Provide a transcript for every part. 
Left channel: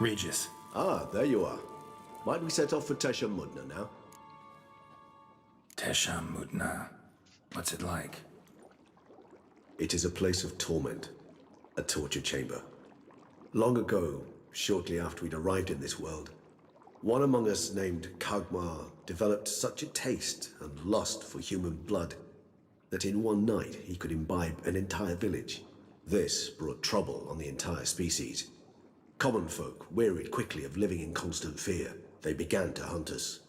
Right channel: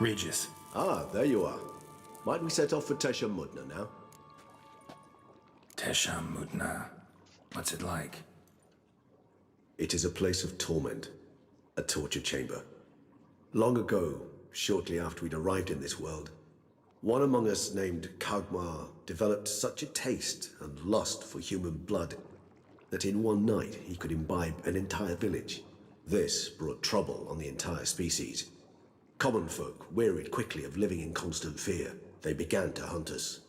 Regis. Ah, there you are. Might we set off for Tesha Mudna now? Tesha Mudna. What's it like? It is a place of torment. A torture chamber. Long ago, shortly after we'd arrived in this world, one among us named Kagmar developed such a taste and lust for human blood that in one night he could imbibe an entire village. This brought trouble on the entire species. Common folk wearied quickly of living in constant fear. They began to hunt us,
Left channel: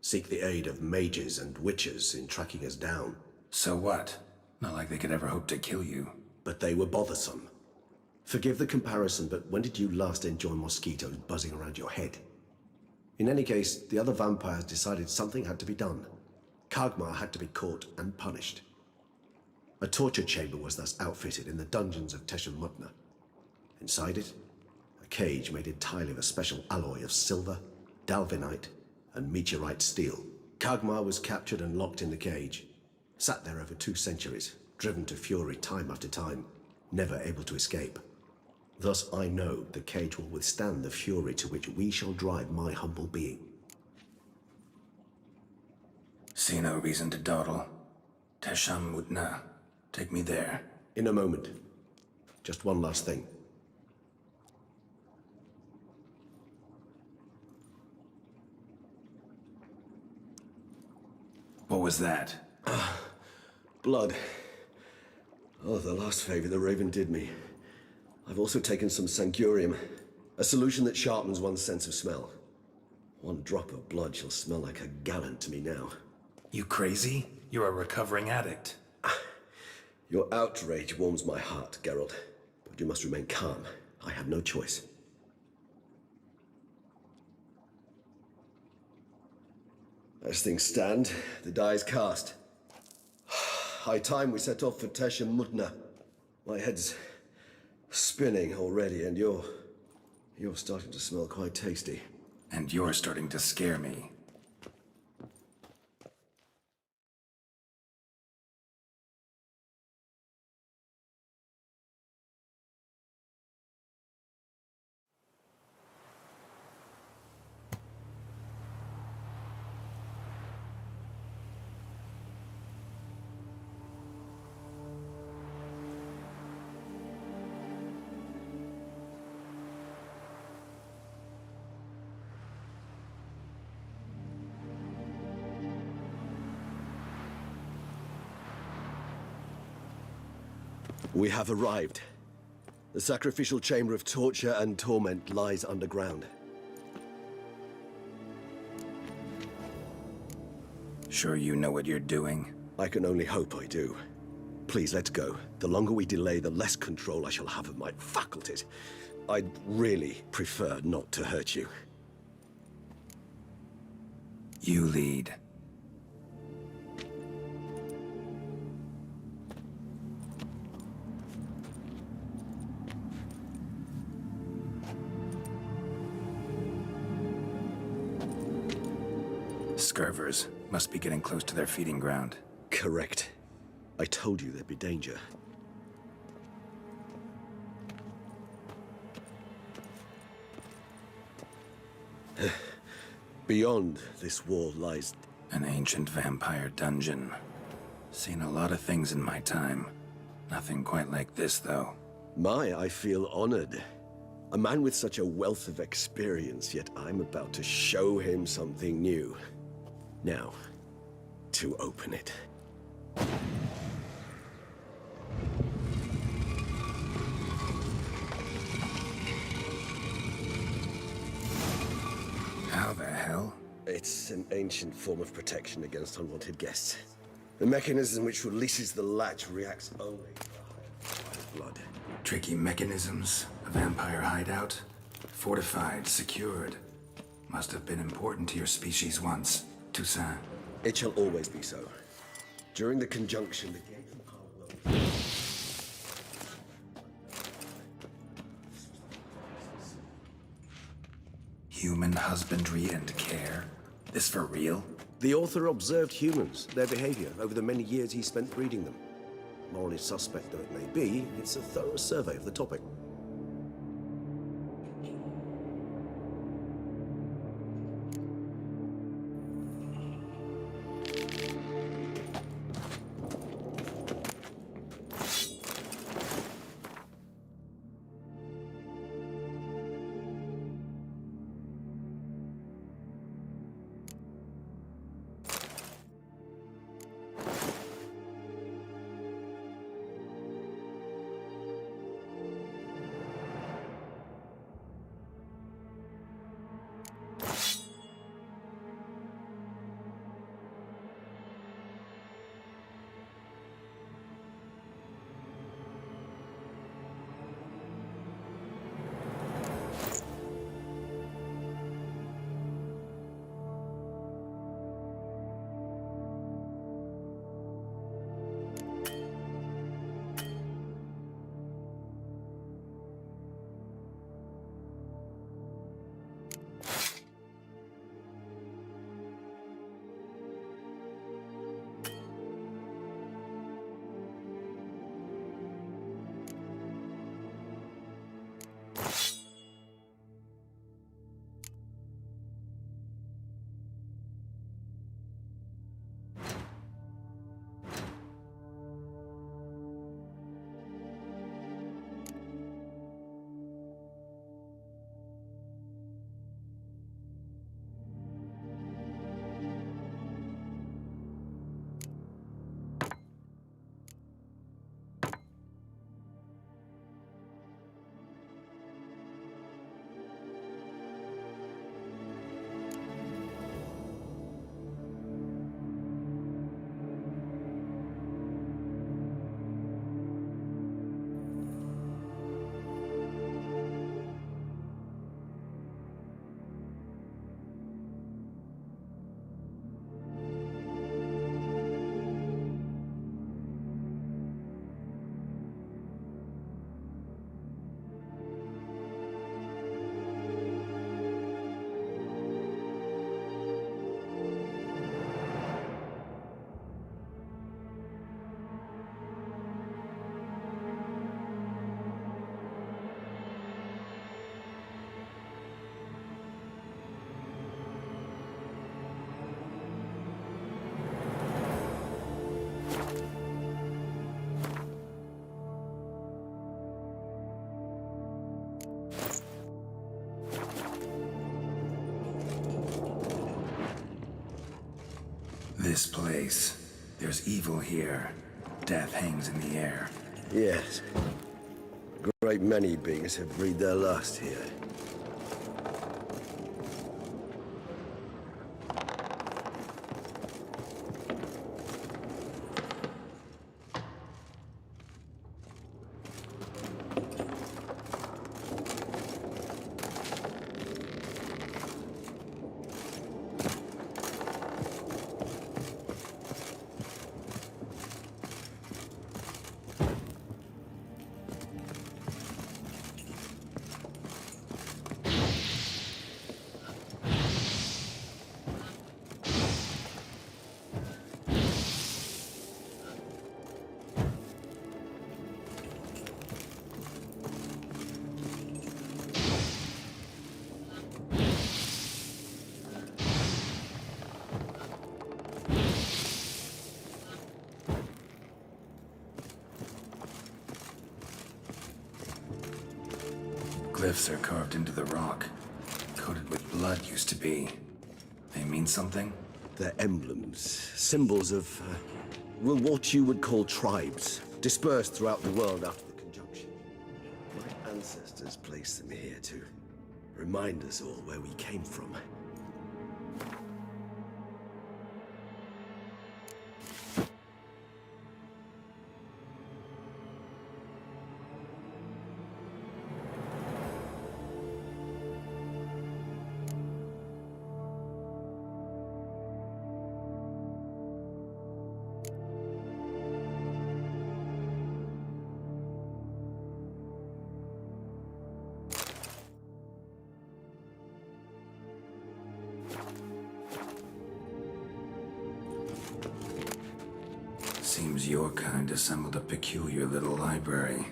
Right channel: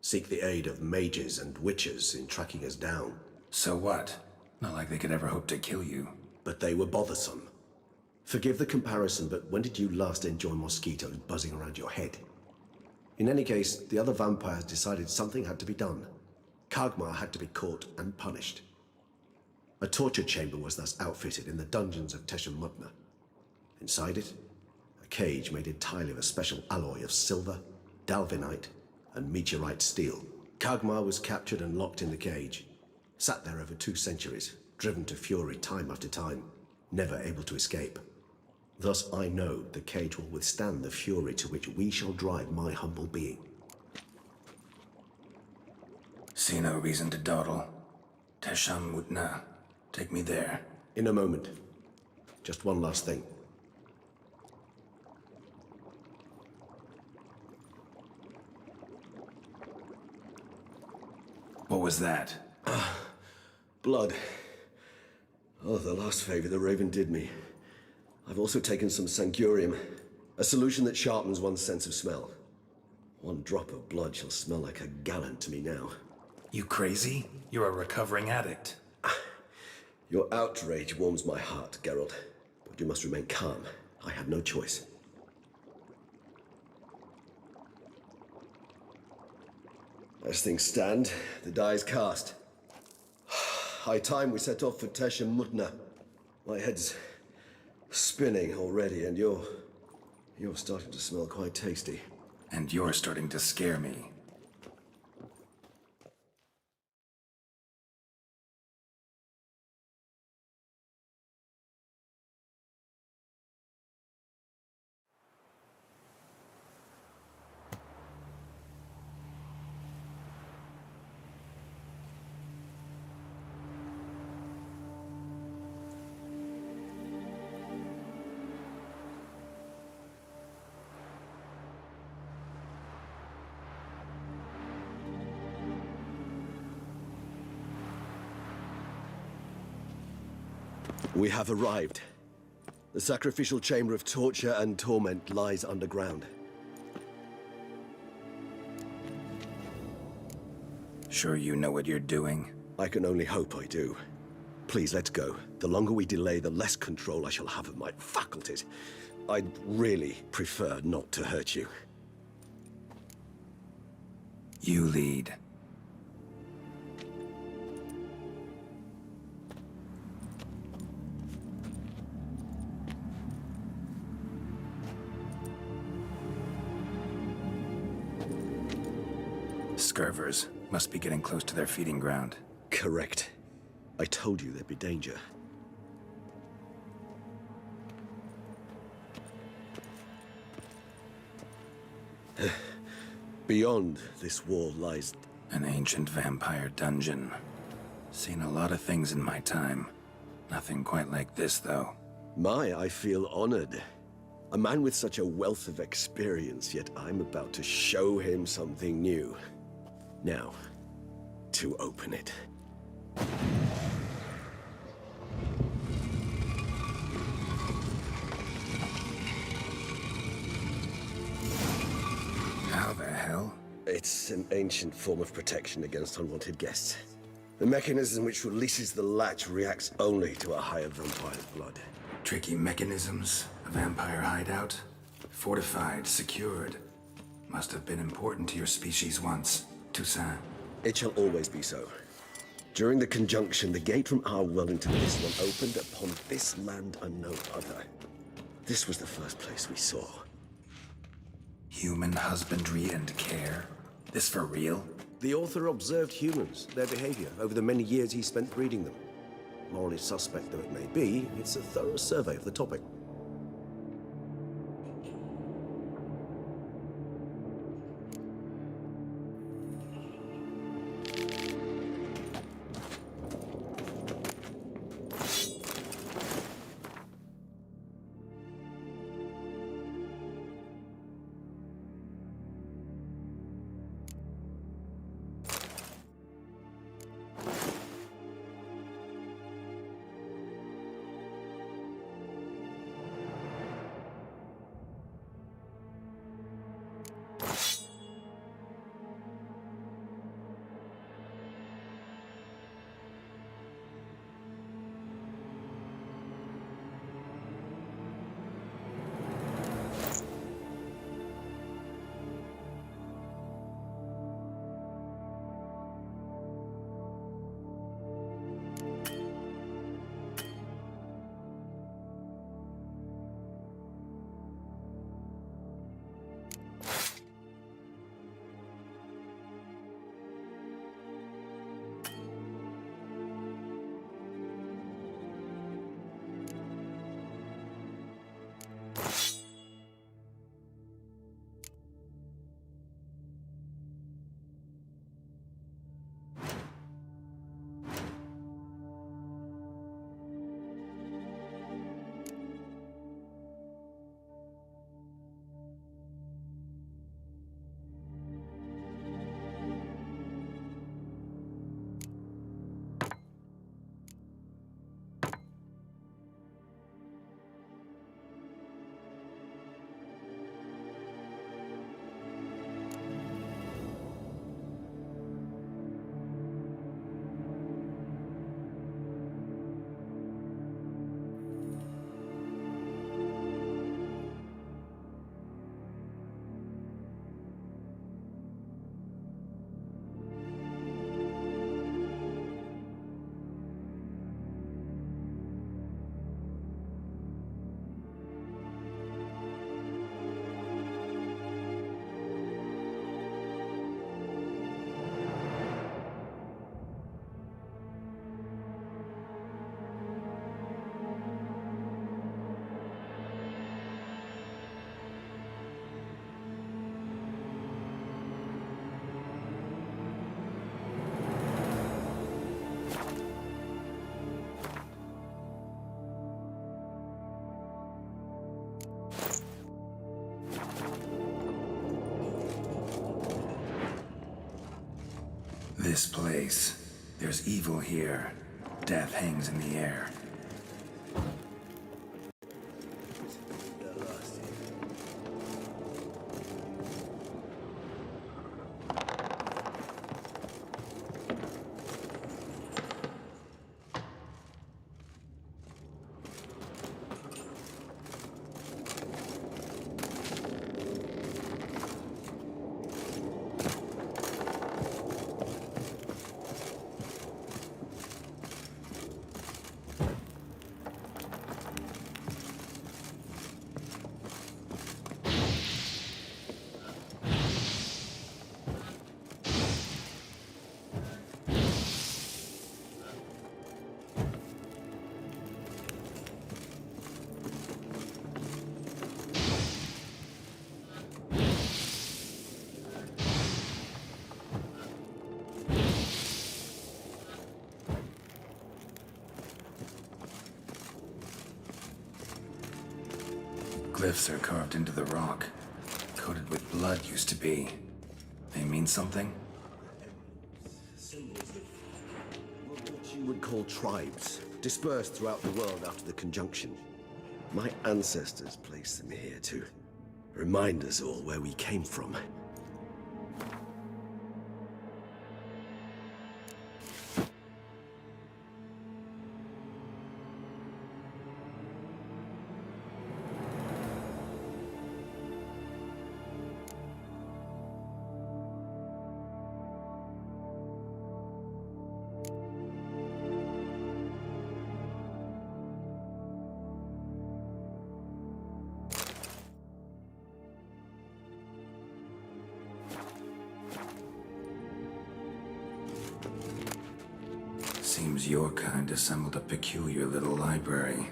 seek the aid of mages and witches in tracking us down. So what? Not like they could ever hope to kill you. But they were bothersome. Forgive the comparison, but when did you last enjoy mosquitoes buzzing around your head? In any case, the other vampires decided something had to be done. Kagmar had to be caught and punished. A torture chamber was thus outfitted in the dungeons of Tesha Mudna. Inside it, a cage made entirely of a special alloy of silver, dalvinite, and meteorite steel. Kagmar was captured and locked in the cage. Sat there over 2 centuries, driven to fury time after time, never able to escape. Thus I know the cage will withstand the fury to which we shall drive my humble being. See no reason to dawdle. Tesha Mudna. Take me there. In a moment. Just one last thing. What was that? Blood. Oh, the last favor the Raven did me. I've also taken some Sancurium, a solution that sharpens one's sense of smell. One drop of blood shall smell like a gallon to me now. You crazy? You're a recovering addict. Your outrage warms my heart, Geralt. But you must remain calm. I have no choice. As things stand, the die is cast. High time we set off for Tesha Mudna. My head's spinning already, and you're starting to smell quite tasty. And you're starting to scare me. We have arrived. The sacrificial chamber of torture and torment lies underground. Sure you know what you're doing? I can only hope I do. Please, let's go. The longer we delay, the less control I shall have of my faculties. I'd really prefer not to hurt you. You lead. Scurvers must be getting close to their feeding ground. Correct. I told you there'd be danger. Beyond this wall lies... An ancient vampire dungeon. Seen a lot of things in my time. Nothing quite like this, though. I feel honored. A man with such a wealth of experience, yet I'm about to show him something new. Now, to open it. How the hell? It's an ancient form of protection against unwanted guests. The mechanism which releases the latch reacts only to a higher vampire's blood. Tricky mechanisms, a vampire hideout. Fortified, secured. Must have been important to your species once, Toussaint. It shall always be so. During the conjunction, the gate from our Wellington was opened upon this land and no other. This was the first place we saw. Human husbandry and care? This for real? The author observed humans, their behavior, over the many years he spent breeding them. Morally suspect though it may be, it's a thorough survey of the topic. This place. There's evil here. Death hangs in the air. Yes. A great many beings have breathed their last here. Glyphs are carved into the rock. Coated with blood used to be. They mean something? They're emblems, symbols of, well, what you would call tribes, dispersed throughout the world after the conjunction. My ancestors placed them here to remind us all where we came from. Seems your kind assembled a peculiar little library.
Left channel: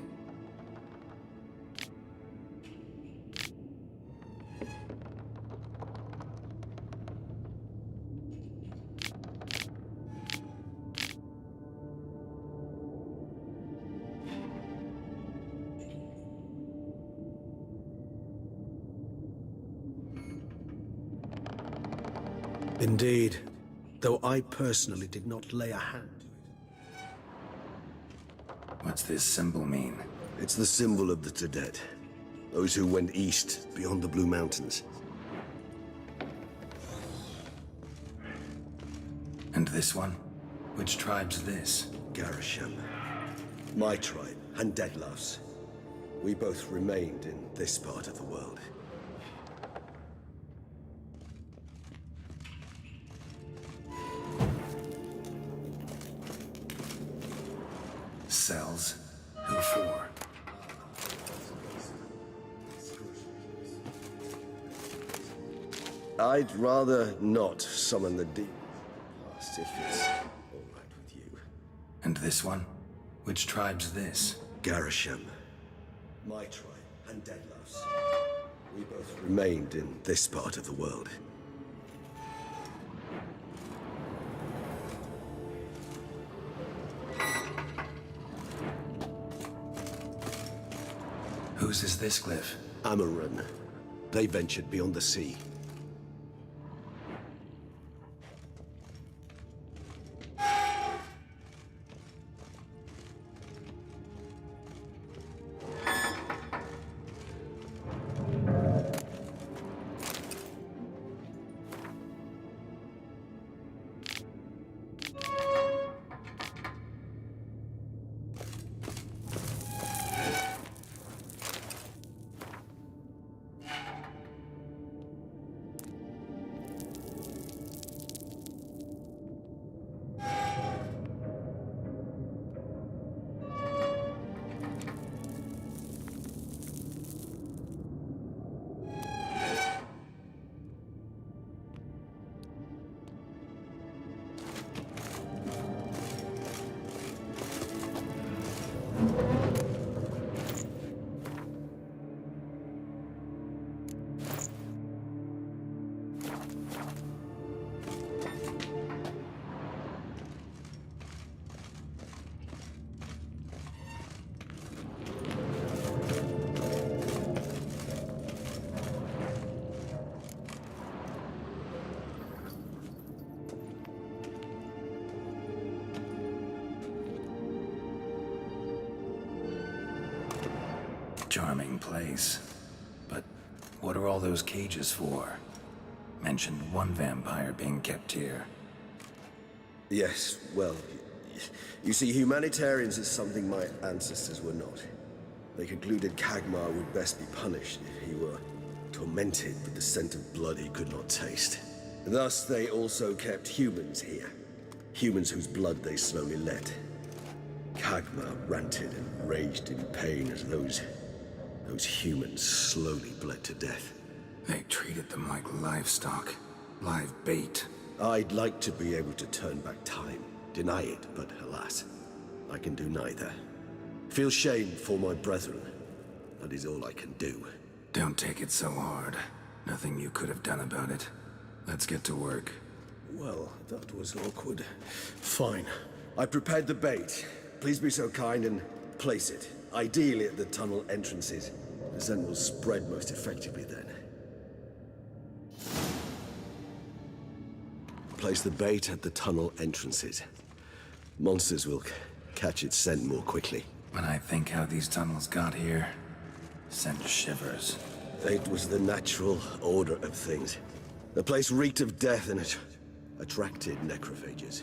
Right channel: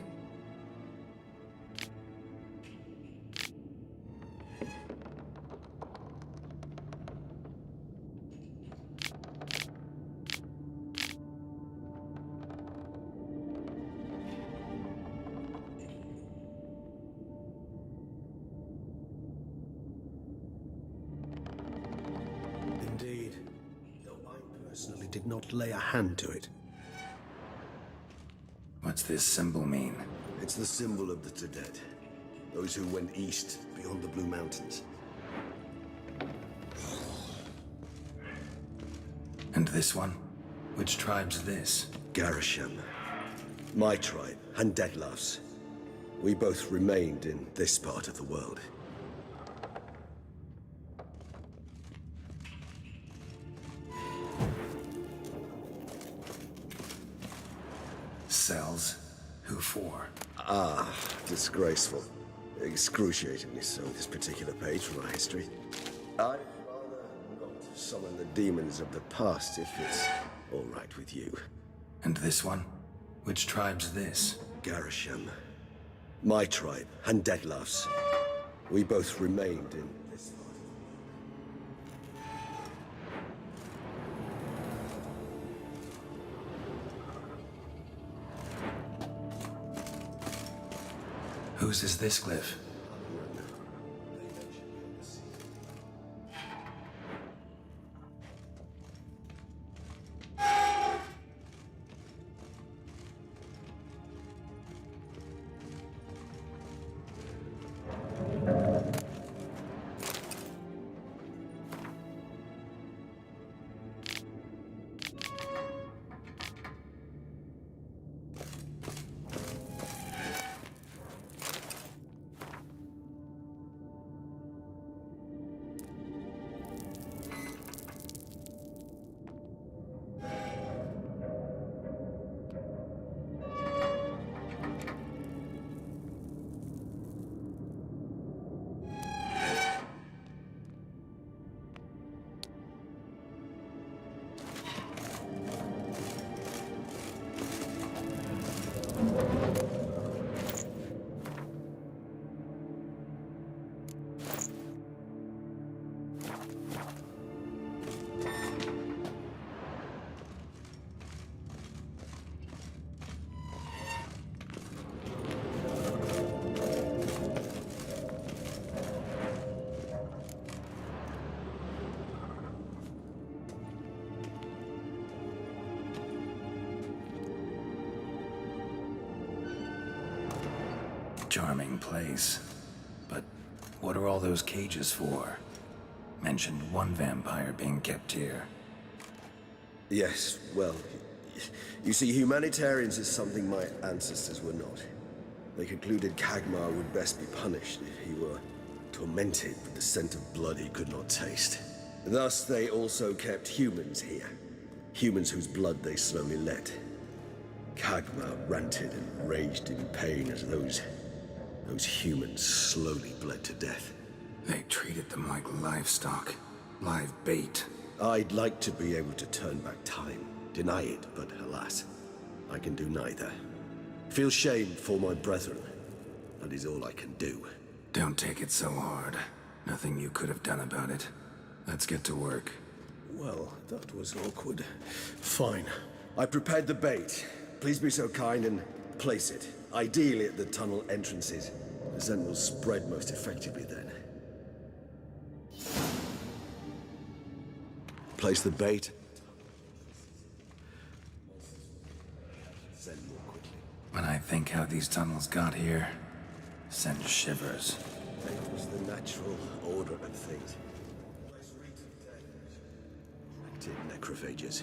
Indeed, though I personally did not lay a hand to it. What's this symbol mean? It's the symbol of the Tadet, those who went east beyond the Blue Mountains. And this one? Which tribe's this? Garisham. My tribe, and Detlef's. We both remained in this part of the world. Cells? Who for? Ah, disgraceful. Excruciatingly so, this particular page from our history. I'd rather not summon the demons of the past if it's all right with you. And this one? Which tribe's this? Garisham. My tribe, and Detlef's. We both remained in this part of the world. Whose is this glyph? Amaran. They ventured beyond the sea. Charming place. But what are all those cages for? Mentioned one vampire being kept here. Yes, well, you see, humanitarians is something my ancestors were not. They concluded Kagmar would best be punished if he were tormented with the scent of blood he could not taste. Thus, they also kept humans here. Humans whose blood they slowly let. Kagmar ranted and raged in pain as those humans slowly bled to death. They treated them like livestock. Live bait. I'd like to be able to turn back time, deny it, but alas, I can do neither. Feel shame for my brethren. That is all I can do. Don't take it so hard. Nothing you could have done about it. Let's get to work. Well, that was awkward. Fine. I prepared the bait. Please be so kind and place it. Ideally at the tunnel entrances. The scent will spread most effectively then. Place the bait at the tunnel entrances. Monsters will catch its scent more quickly. When I think how these tunnels got here, send shivers. It was the natural order of things. The place reeked of death and it attracted necrophages.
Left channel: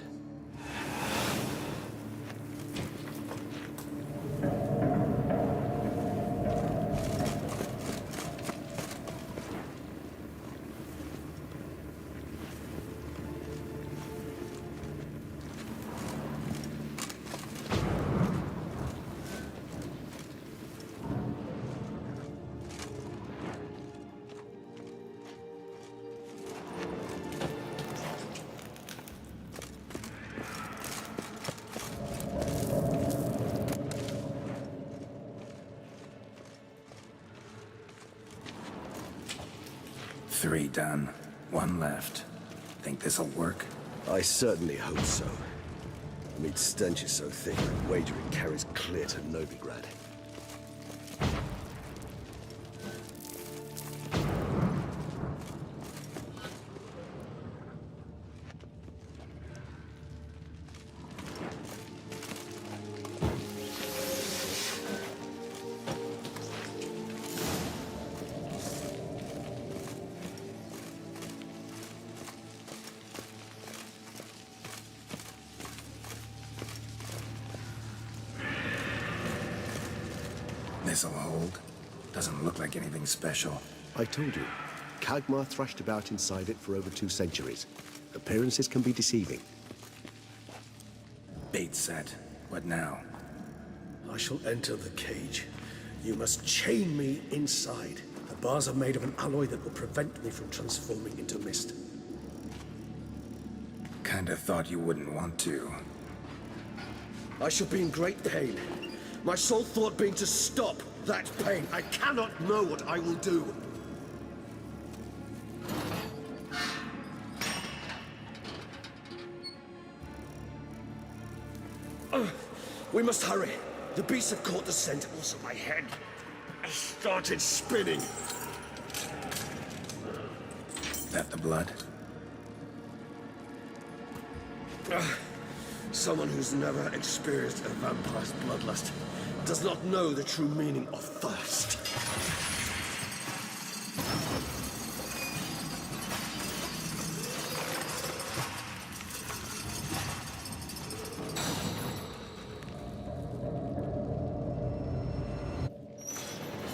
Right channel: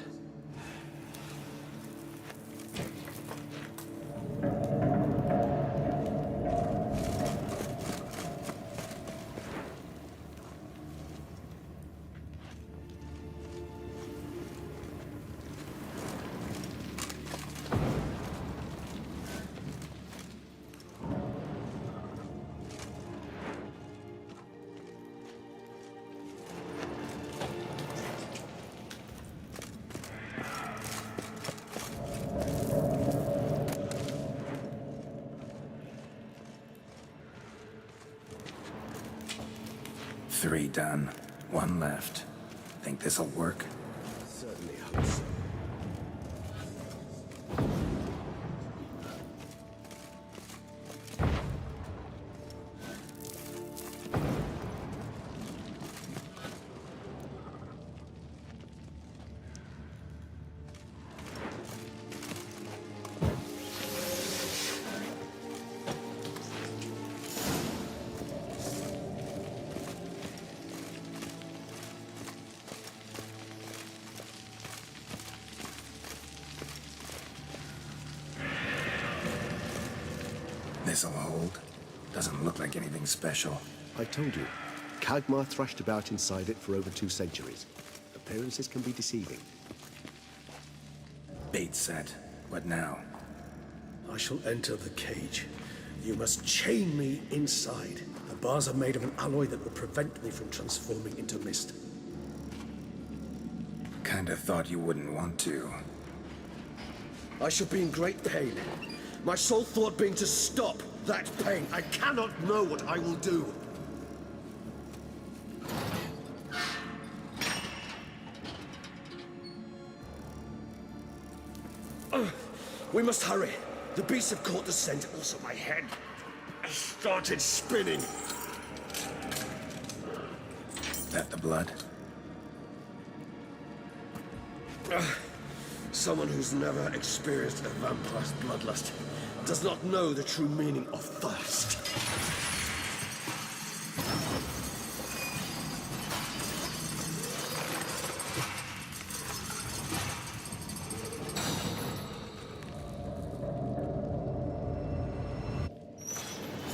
3 done. 1 left. Think this'll work? I certainly hope so. I mean, stench is so thick, the wager it carries clear to Novigrad. This'll hold. Doesn't look like anything special. I told you, Kagmar thrashed about inside it for over 2 centuries. Appearances can be deceiving. Bait set. What now? I shall enter the cage. You must chain me inside. The bars are made of an alloy that will prevent me from transforming into mist. Kinda thought you wouldn't want to. I shall be in great pain. My sole thought being to stop that pain. I cannot know what I will do. We must hurry. The beasts have caught the scent. Also, my head has started spinning. That the blood? Someone who's never experienced a vampire's bloodlust does not know the true meaning of thirst.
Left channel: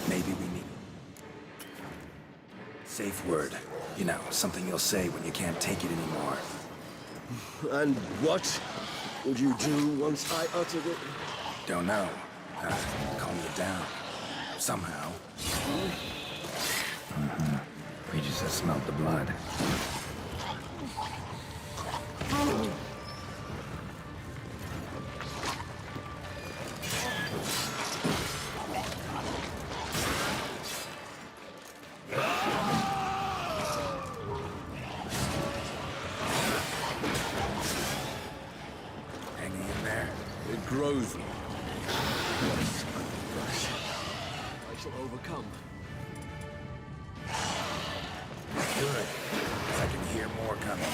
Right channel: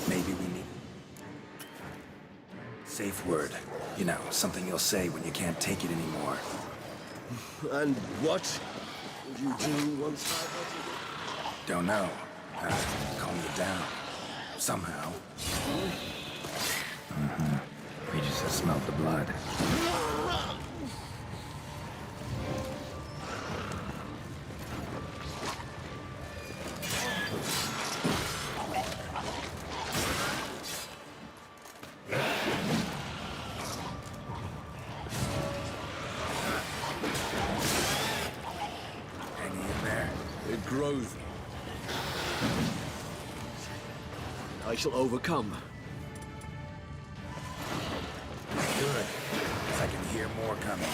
Maybe we need... Safe word. You know, something you'll say when you can't take it anymore. And what would you do once I uttered it? Don't know. Calm you down. Somehow. We just have smelled the blood. Hanging in there? It grows. I shall overcome. Good. 'Cause I can hear more coming.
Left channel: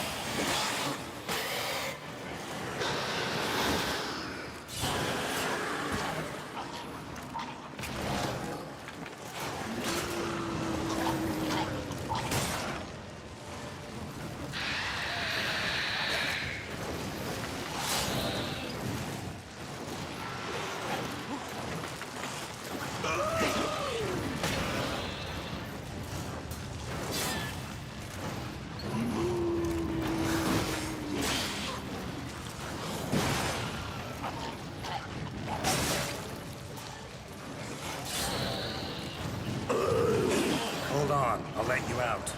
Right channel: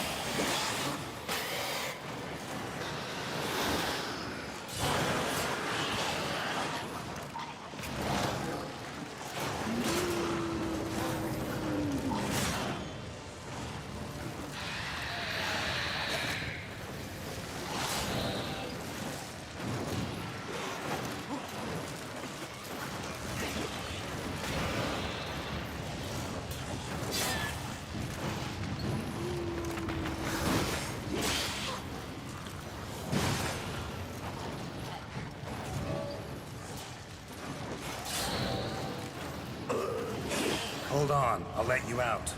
Hold on, I'll let you out.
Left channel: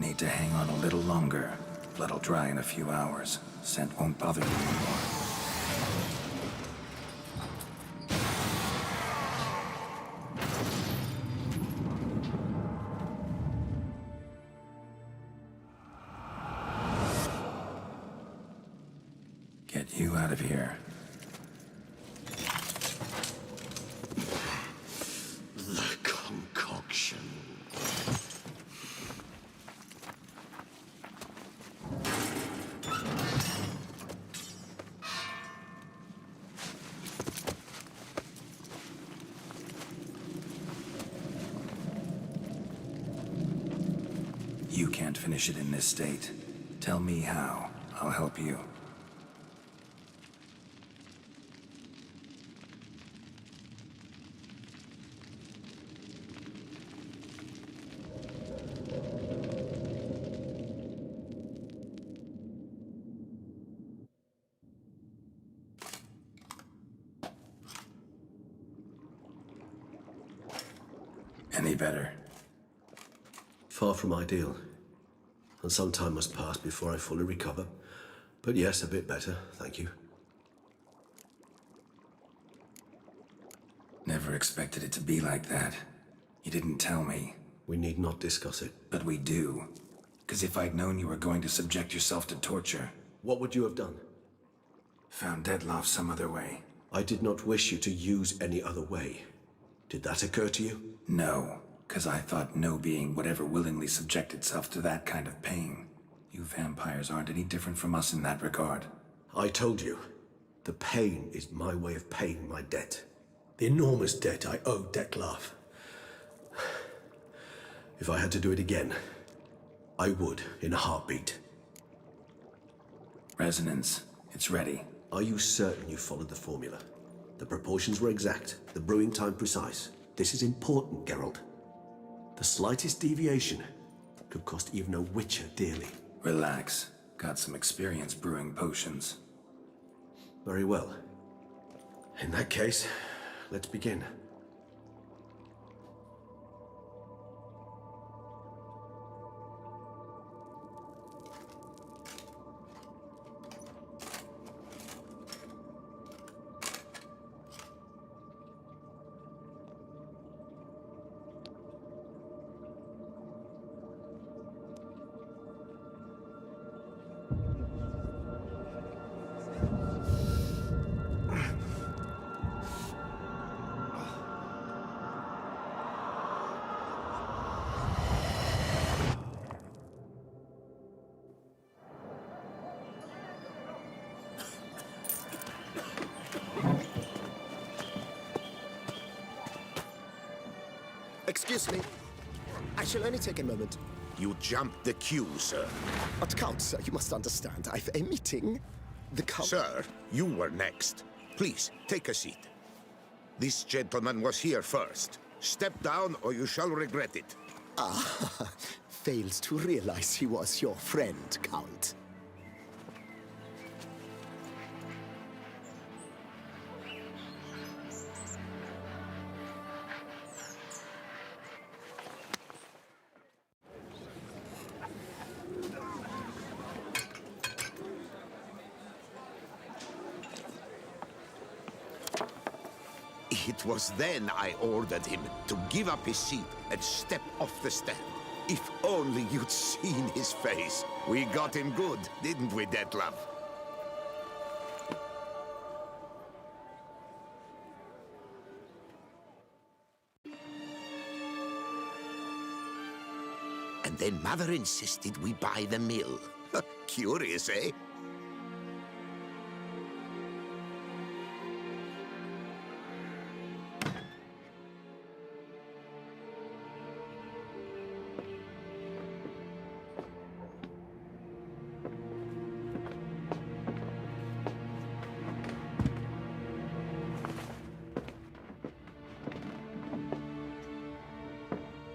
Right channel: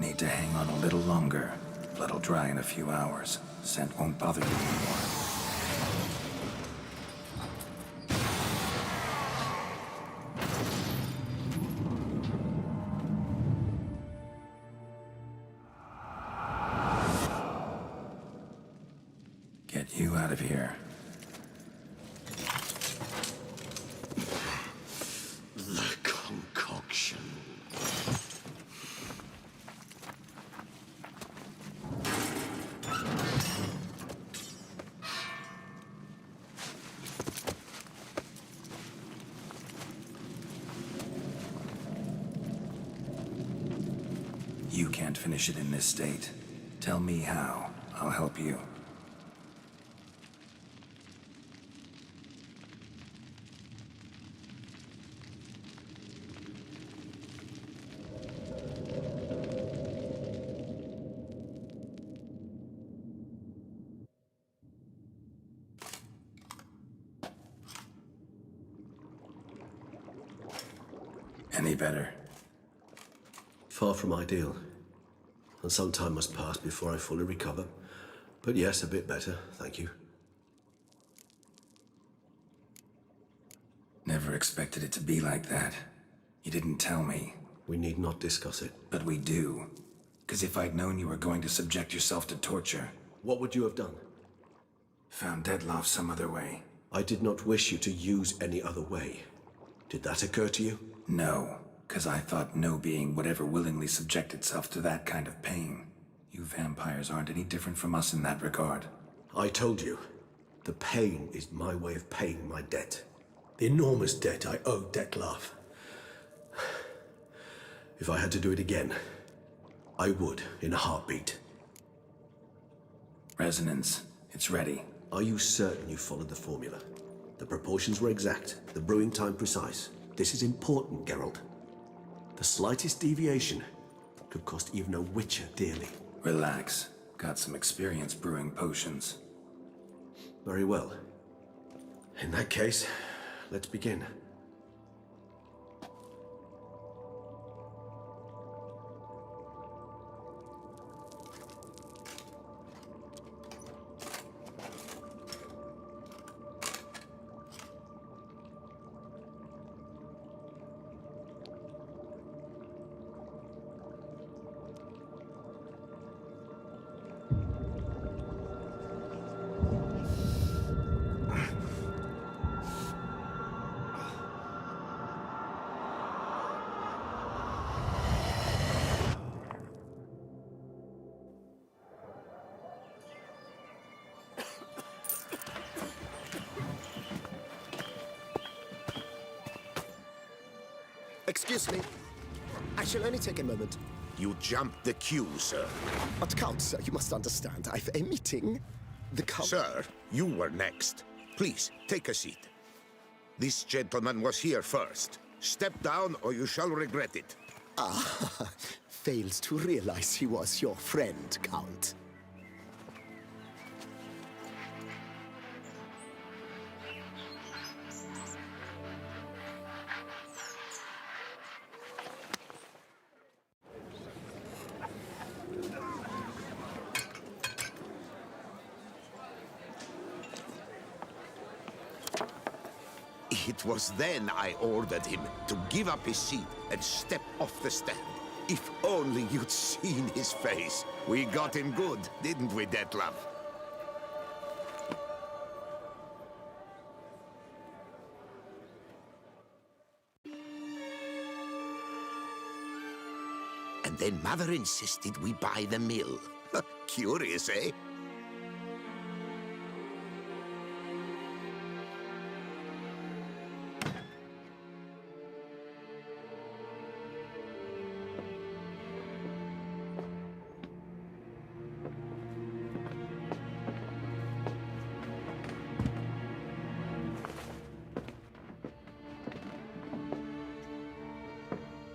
Need to hang on a little longer. Blood'll dry in a few hours. Scent won't bother you anymore. Get you out of here. The concoction. You can't finish it in this state. Tell me how. I'll help you. Any better? Far from ideal. And some time must pass before I fully recover. But yes, a bit better, thank you. Never expected it to be like that. You didn't tell me. We need not discuss it. But we do. Because if I'd known you were going to subject yourself to torture... What would you have done? Found Dettlaff some other way. I did not wish you to use any other way. Did that occur to you? No, because I thought no being would ever willingly subject itself to that kind of pain. You vampires aren't any different from us in that regard. I told you. The pain is my way of paying my debt. The enormous debt I owe Dettlaff. If I had to do it again, I would, in a heartbeat. Resonance. It's ready. Are you certain you followed the formula? The proportions were exact, the brewing time precise. This is important, Geralt. The slightest deviation could cost even a witcher dearly. Relax. Got some experience brewing potions. Very well. In that case, let's begin. Excuse me. I shall only take a moment. You jumped the queue, sir. But Count, sir, you must understand. I've a meeting. The Count... Sir, you were next. Please, take a seat. This gentleman was here first. Step down or you shall regret it. Ah, fails to realize he was your friend, Count. It was then I ordered him to give up his seat and step off the stand. If only you'd seen his face. We got him good, didn't we, Dettlaff? And then Mother insisted we buy the mill. Curious, eh?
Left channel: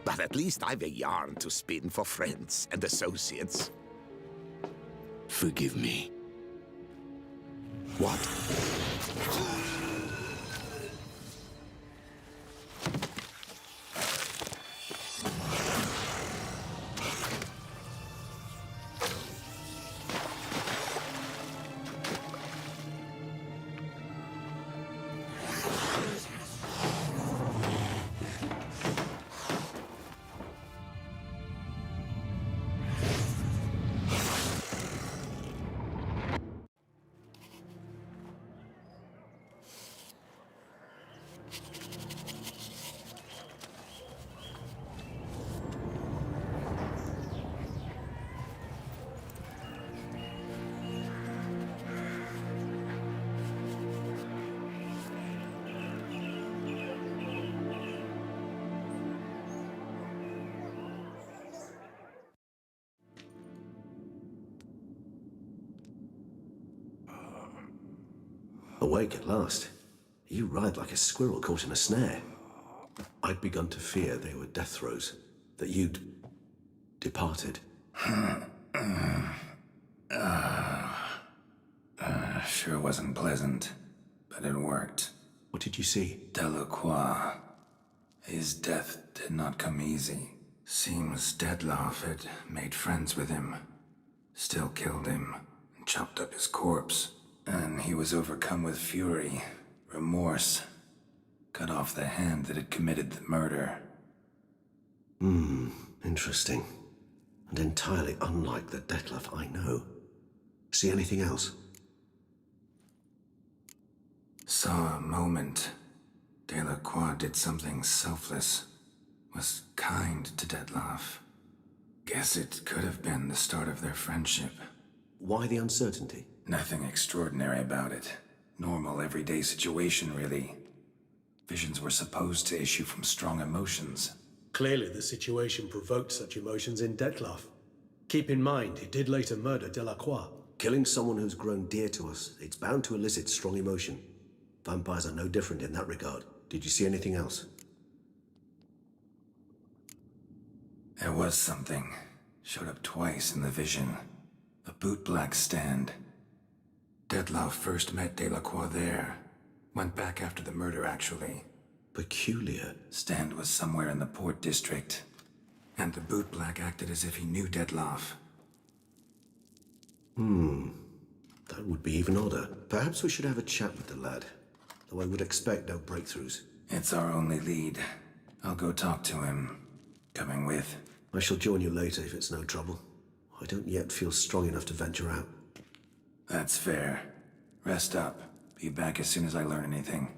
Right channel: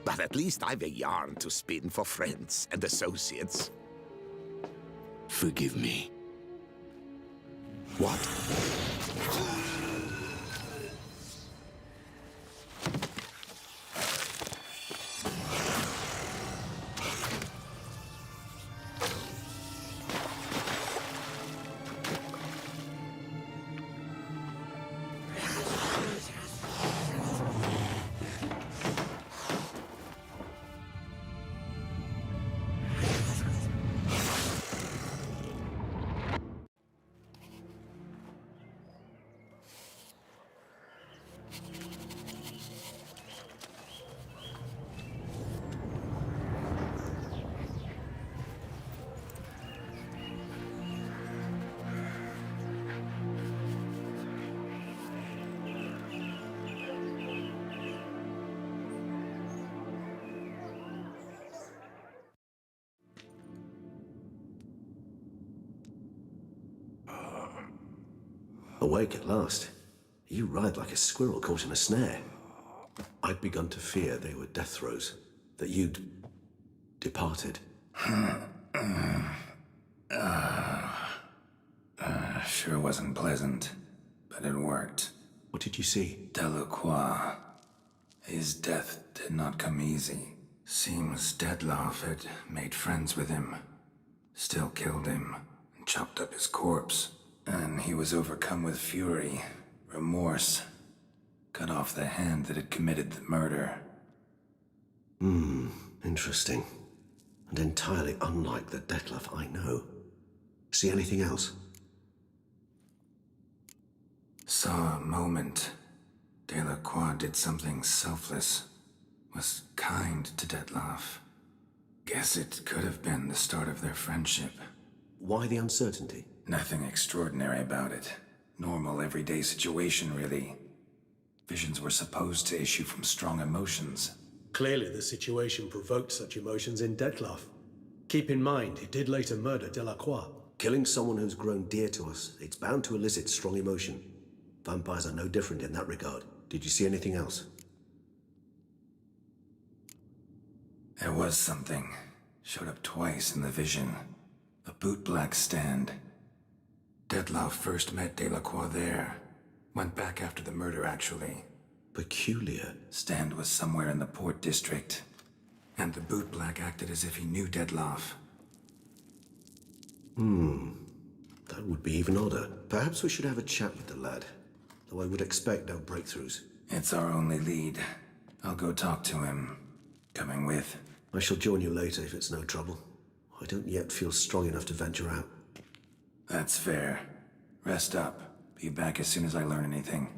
But at least I've a yarn to spin for friends and associates. Forgive me. What? Awake at last. You ride like a squirrel caught in a snare. I'd begun to fear they were death throes, that you'd departed. Sure wasn't pleasant, but it worked. What did you see? Delacroix. His death did not come easy. Seems Dettlaff had made friends with him, still killed him, and chopped up his corpse. And he was overcome with fury, remorse, cut off the hand that had committed the murder. Interesting. And entirely unlike the Dettlaff I know. See anything else? Saw a moment. Delacroix did something selfless. Was kind to Dettlaff. Guess it could have been the start of their friendship. Why the uncertainty? Nothing extraordinary about it. Normal, everyday situation, really. Visions were supposed to issue from strong emotions. Clearly, the situation provoked such emotions in Dettlaff. Keep in mind, he did later murder Delacroix. Killing someone who's grown dear to us, it's bound to elicit strong emotion. Vampires are no different in that regard. Did you see anything else? There was something. Showed up twice in the vision. A bootblack stand. Dettlaff first met Delacroix there. Went back after the murder, actually. Peculiar. Stand was somewhere in the Port District. And the bootblack acted as if he knew Dettlaff. That would be even odder. Perhaps we should have a chat with the lad. Though I would expect no breakthroughs. It's our only lead. I'll go talk to him. Coming with. I shall join you later if it's no trouble. I don't yet feel strong enough to venture out. That's fair. Rest up. Be back as soon as I learn anything.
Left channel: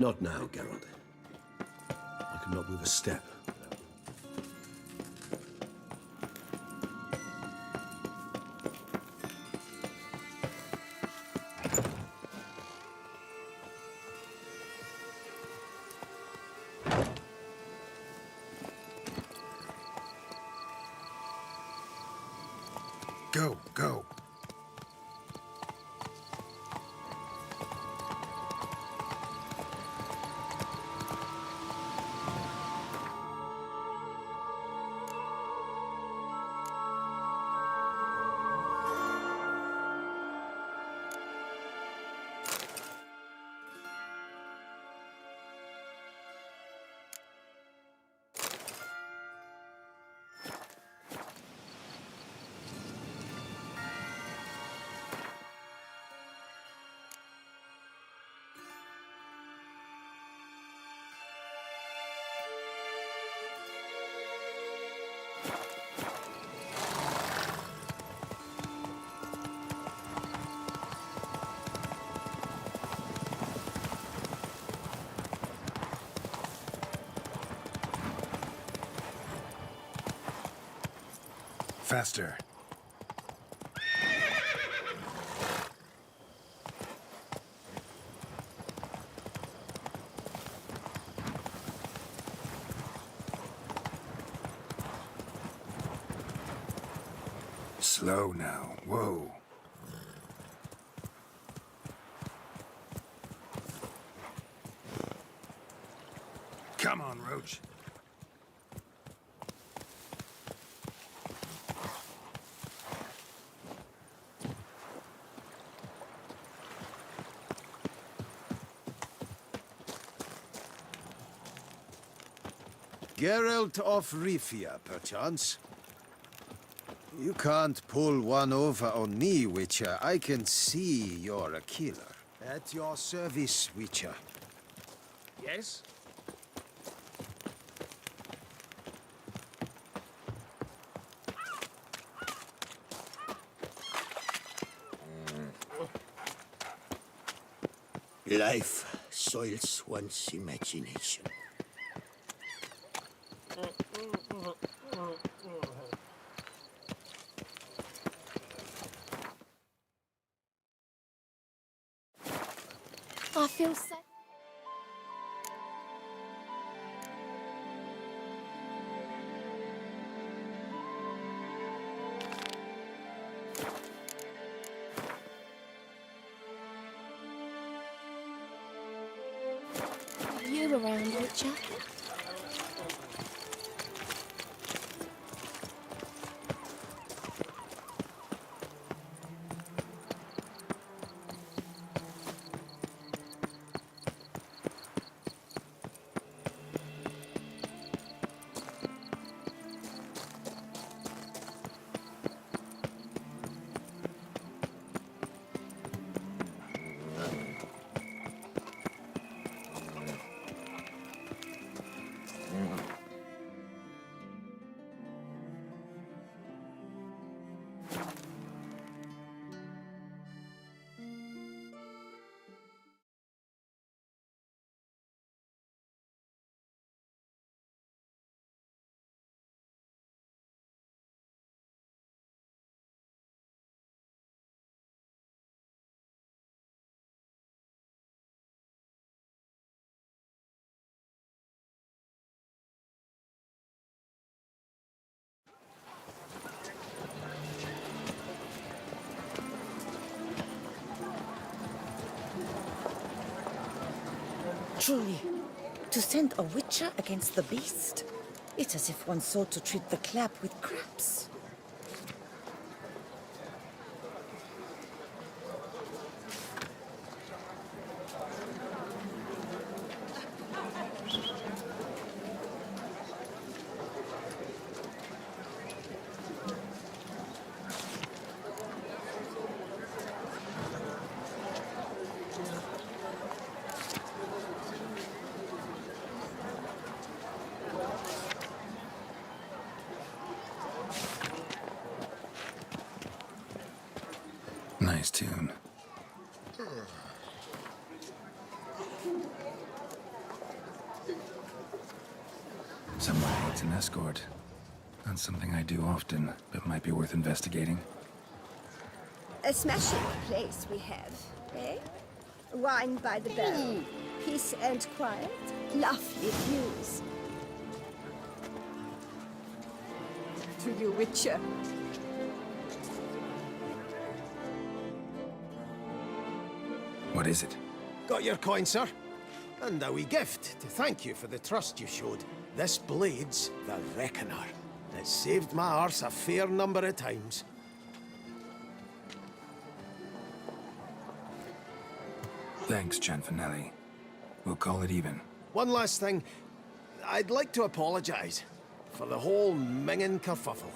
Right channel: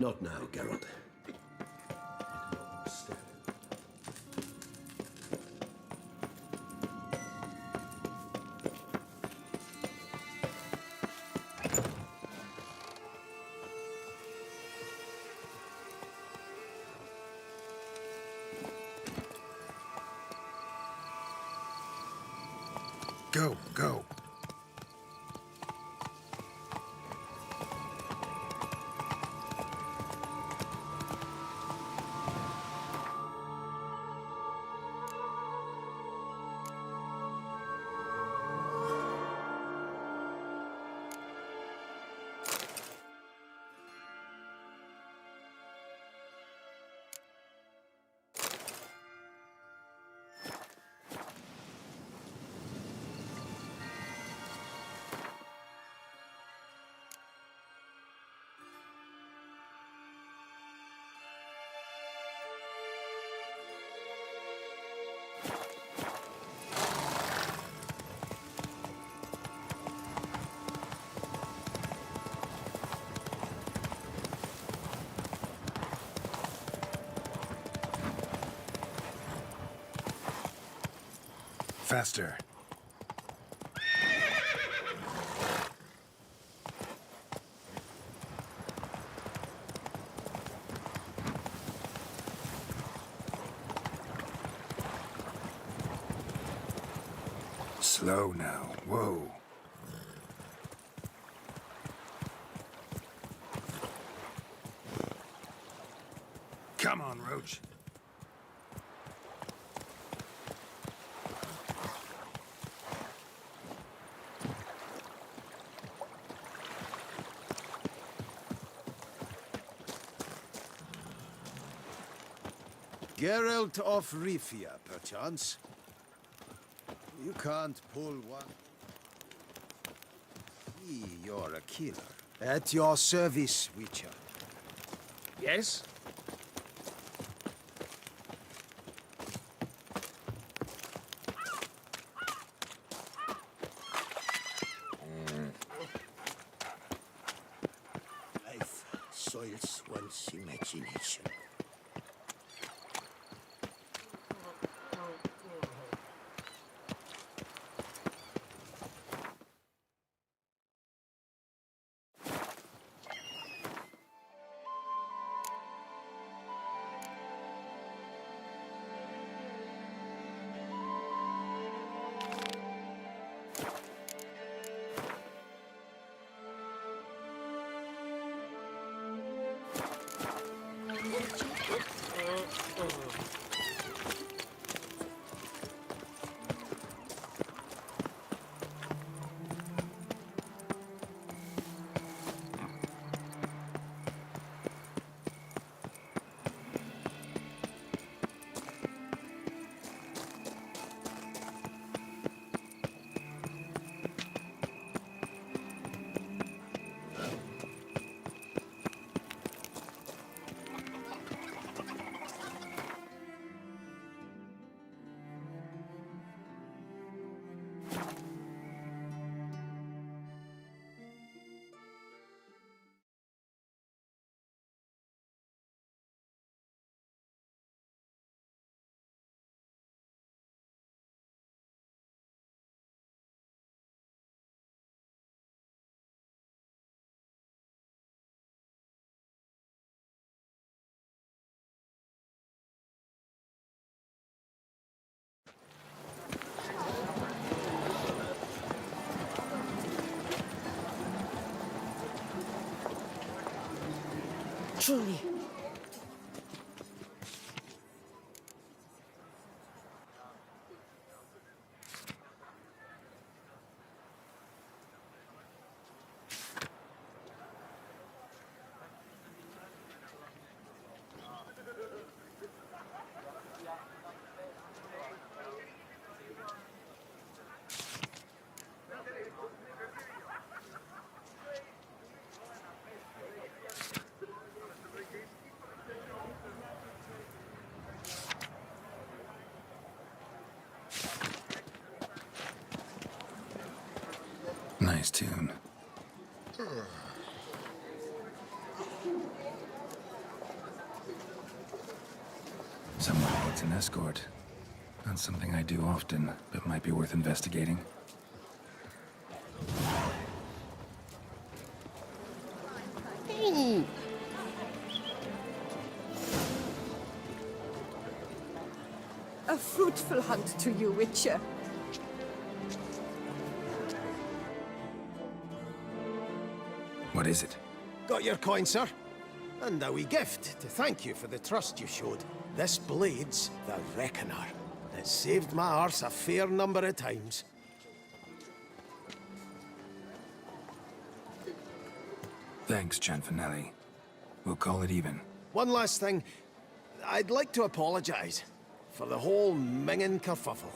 Not now, Geralt. I cannot move a step. Go, go. Faster. Slow now. Whoa. Come on, Roach. Geralt of Rivia, perchance. You can't pull one over on me, Witcher. I can see you're a killer. At your service, Witcher. Yes? Life soils one's imagination. I feel so... Are you around, Witcher? Truly, to send a witcher against the beast, it's as if one sought to treat the clap with craps. Nice tune. Someone needs an escort. Not something I do often, but might be worth investigating. A smashing place we have, eh? Wine by the barrel, peace and quiet, lovely views. A fruitful hunt to you, Witcher. What is it? Got your coin, sir. And a wee gift to thank you for the trust you showed. This blade's the Reckoner. It saved my arse a fair number of times. Thanks, Gianfinelli. We'll call it even. One last thing. I'd like to apologize for the whole mingin' kerfuffle.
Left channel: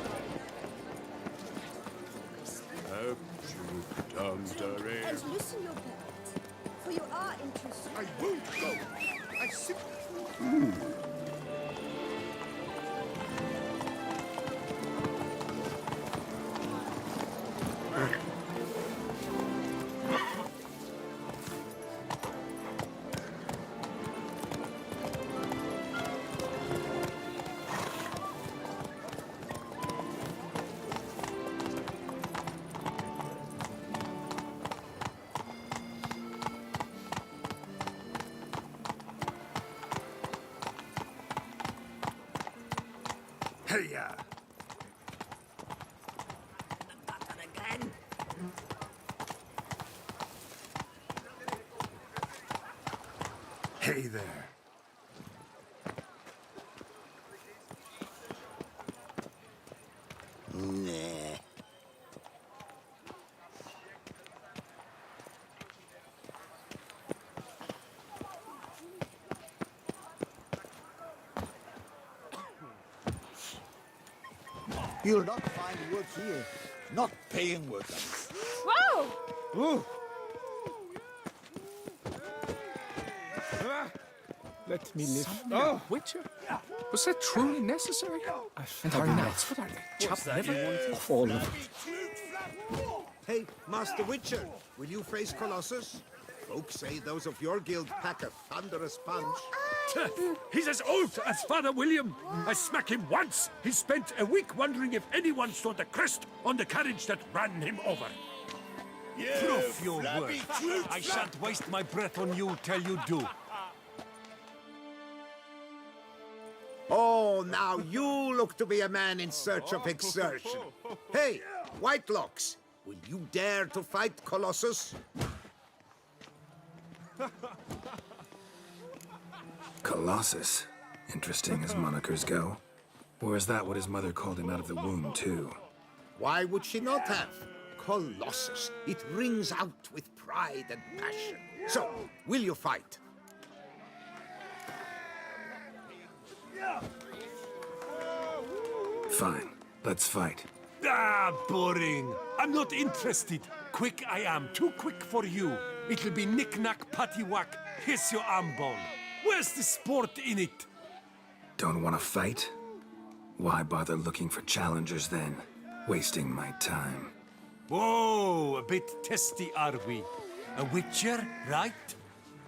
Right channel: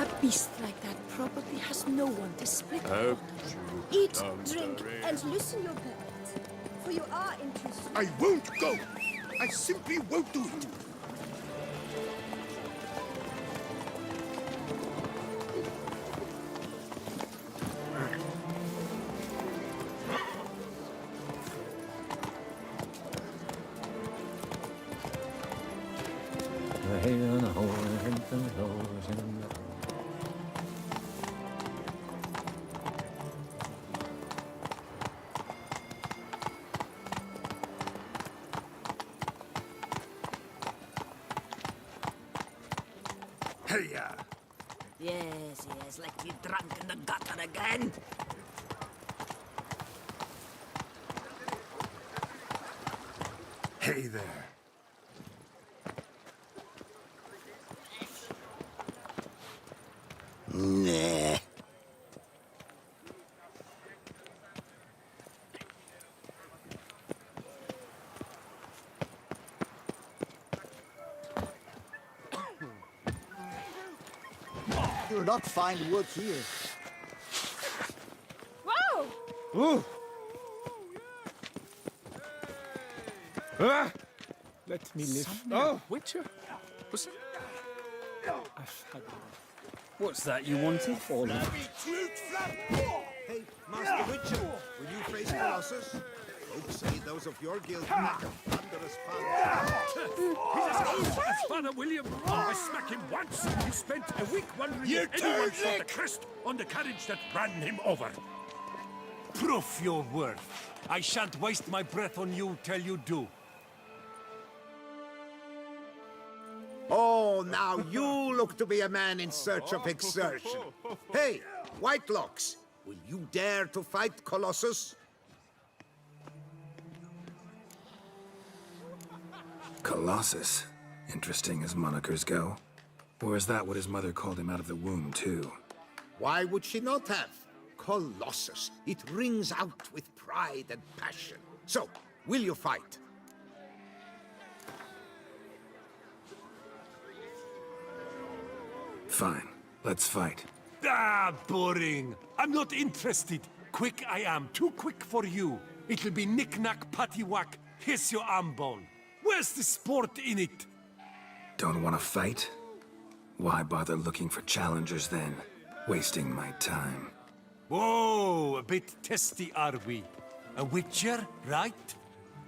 A beast like that probably has no one to split. Eat, drink, and loosen your belt. For you are in too soon. I won't go! I simply won't move! Hey-ya! Yes, like you drunk in the gutter again. Hey there. Nah. You'll not find work here. Not paying work. Whoa! Let me live. Oh, Witcher? Was that truly necessary? I've had enough. What's that you wanted? All of Hey, Master Witcher, will you face Colossus? Folks say those of your guild pack a thunderous punch. He's as old as Father William. I smack him once. He spent a week wondering if anyone saw the crest on the carriage that ran him over. Proof your worth. I shan't waste my breath on you till you do. Oh, now you look to be a man in search of exertion. Hey, Whitelocks, will you dare to fight Colossus? Colossus. Interesting as monikers go. Or is that what his mother called him out of the womb, too? Why would she not have? Colossus. It rings out with pride and passion. So, will you fight? Fine. Let's fight. Ah, boring. I'm not interested. Quick I am. Too quick for you. It'll be knick-knack, paddywhack. Here's your arm bone. Where's the sport in it? Don't want to fight? Why bother looking for challengers then? Wasting my time. Whoa, a bit testy are we? A witcher, right?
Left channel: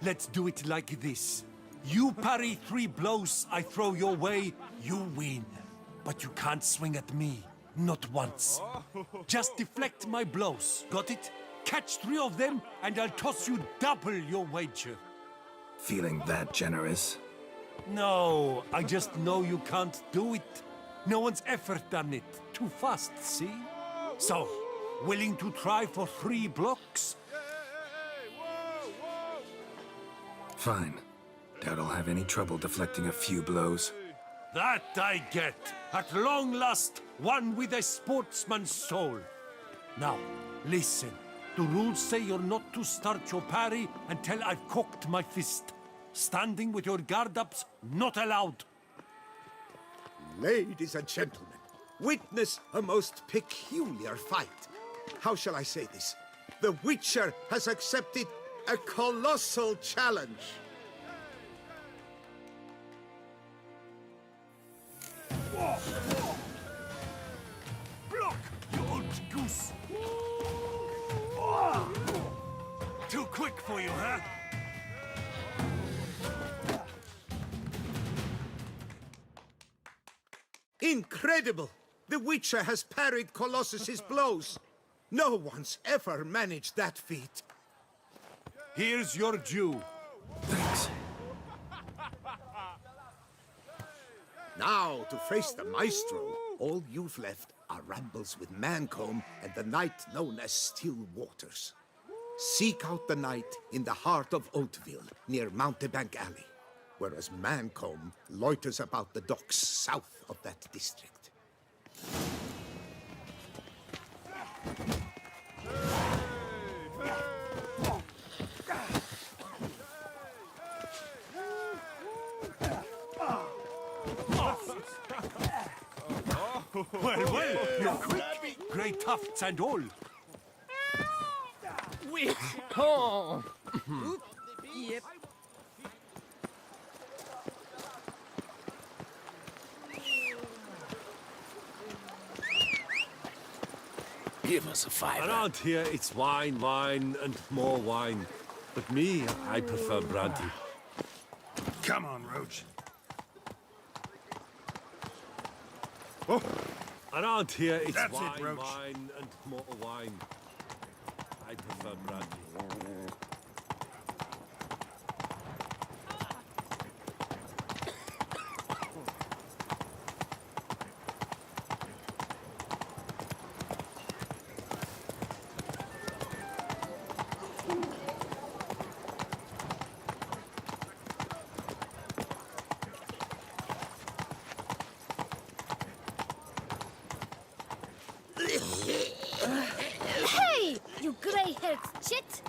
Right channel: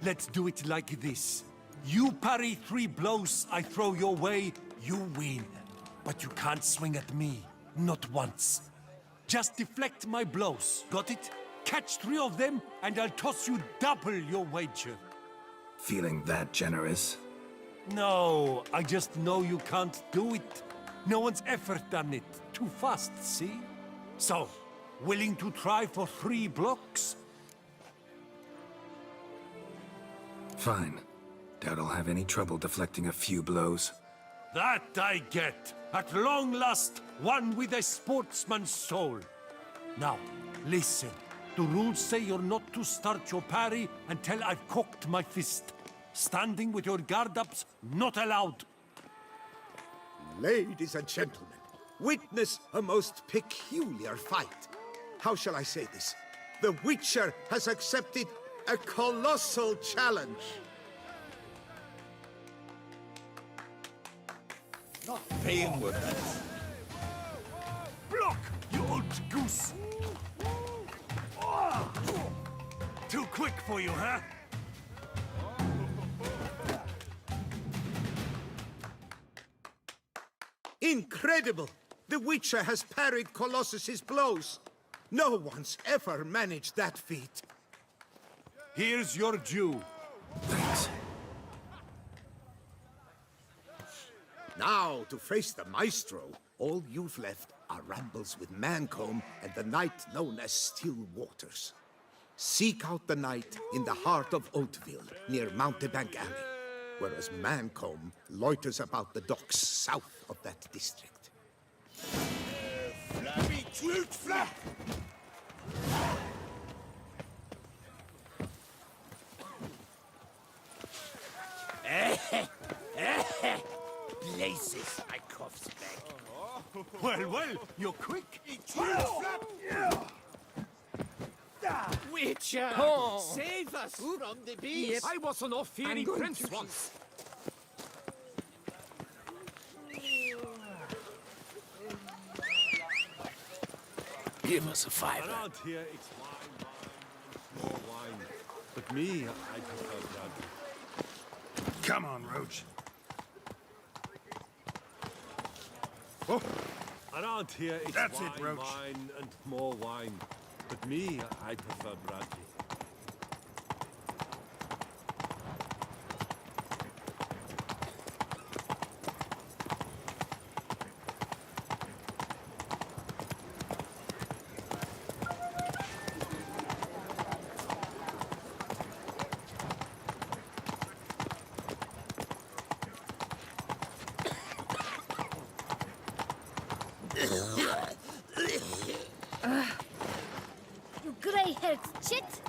Let's do it like this. You parry 3 blows I throw your way, you win. But you can't swing at me, not once. Just deflect my blows, got it? Catch 3 of them, and I'll toss you double your wager. Feeling that generous? No, I just know you can't do it. No one's ever done it. Too fast, see? So, willing to try for 3 blocks? Fine. Doubt I'll have any trouble deflecting a few blows. That I get. At long last, one with a sportsman's soul. Now, listen. The rules say you're not to start your parry until I've cocked my fist. Standing with your guard-ups, not allowed. Ladies and gentlemen, witness a most peculiar fight. How shall I say this? The Witcher has accepted a colossal challenge. Block, you old goose! Too quick for you, huh? Incredible! The Witcher has parried Colossus's blows. No one's ever managed that feat. Here's your due. Thanks. Now, to face the Maestro, all you've left are rambles with Mancomb and the knight known as Still Waters. Seek out the knight in the heart of Oatville, near Mountebank Alley, whereas Mancomb loiters about the docks south of that district. Well, you're quick. 3 puffs and all. Witcher! Oh. Save us from the beast! Yep. I was an off-fearing prince once. Give us a fiver. Around here, it's wine, wine, and more wine. But me, I prefer brandy. Come on, Roach. Oh. Around here, it's That's wine, it, Roach. wine, and more wine. But me, I prefer brandy. Hey, you grey-haired chit!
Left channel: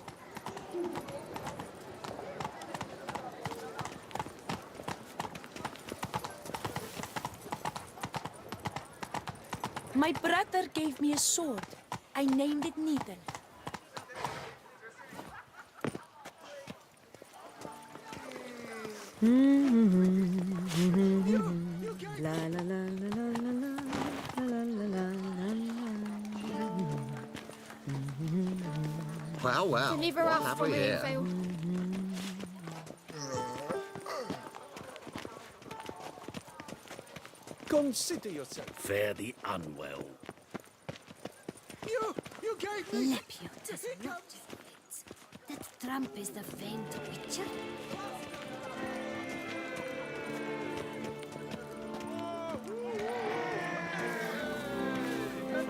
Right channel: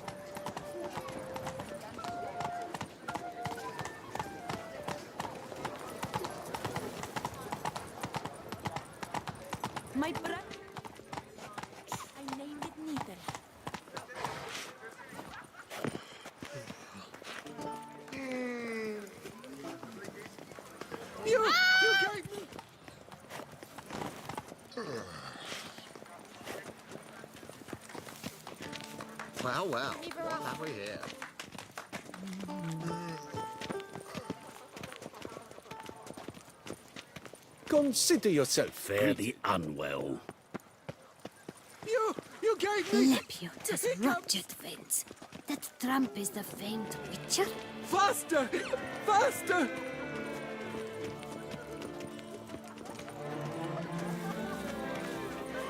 My brother gave me a sword. I named it Needle. Well, well, Deliver what us have from we here? Enfield. Consider yourself fairly unwell. You gave me... Lepiot has ruptured veins. That tramp is the famed Witcher? Faster! Faster!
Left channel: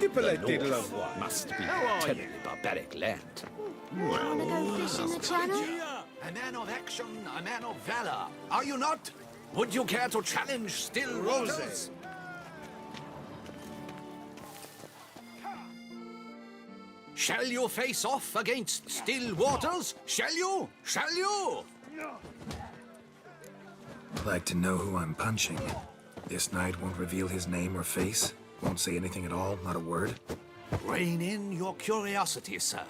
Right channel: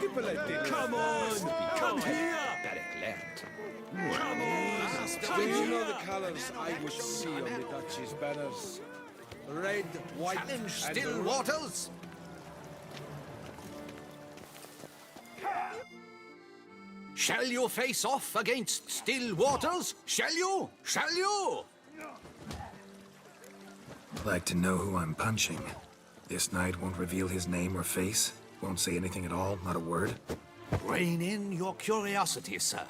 The polite little must be content barbaric land. A man of action, a man of valor. Are you not? Would you care to challenge Still Waters? Shall you face off against Still Waters? Shall you? Shall you? Like to know who I'm punching. This knight won't reveal his name or face. Won't say anything at all, not a word. Rein in your curiosity, sir.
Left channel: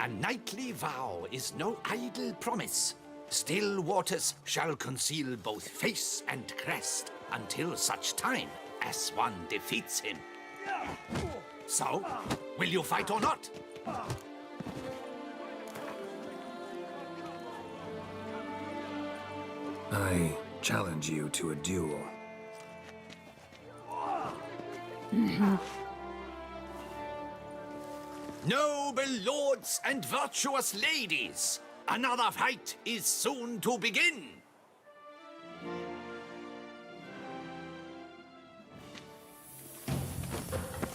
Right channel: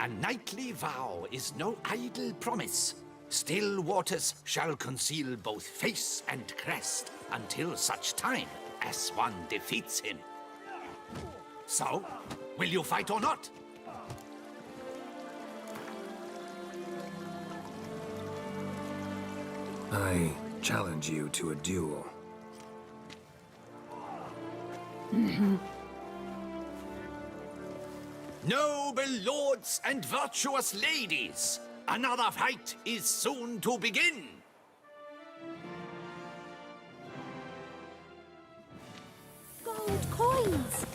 A knightly vow is no idle promise. Still Waters shall conceal both face and crest until such time as one defeats him. So, will you fight or not? I challenge you to a duel. Noble lords and virtuous ladies, another fight is soon to begin. Gold coins!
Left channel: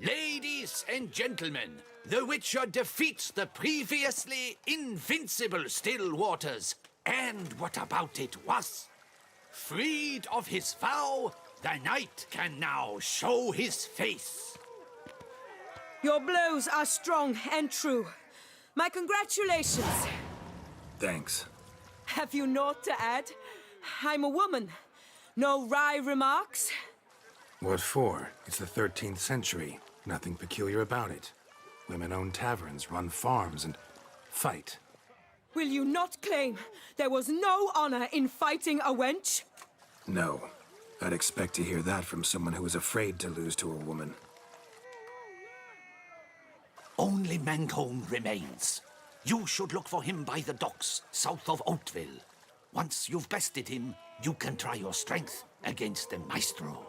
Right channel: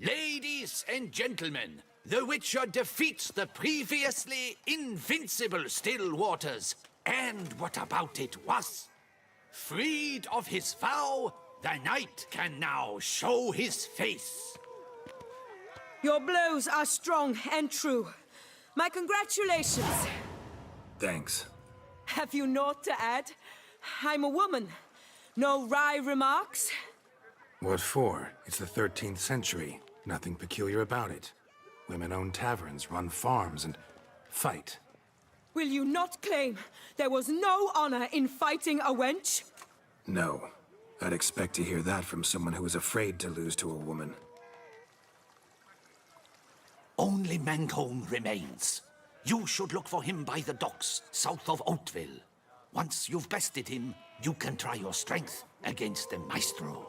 Ladies and gentlemen, the Witcher defeats the previously invincible Still Waters. And what about it was? Freed of his vow, the knight can now show his face. Your blows are strong and true. My congratulations. Thanks. Have you naught to add? I'm a woman. No wry remarks? What for? It's the 13th century. Nothing peculiar about it. Women own taverns, run farms, and fight. Will you not claim there was no honor in fighting a wench? No. I'd expect to hear that from someone who was afraid to lose to a woman. Only Mancomb remains. You should look for him by the docks, south of Oatville. Once you've bested him, you can try your strength against the Maestro.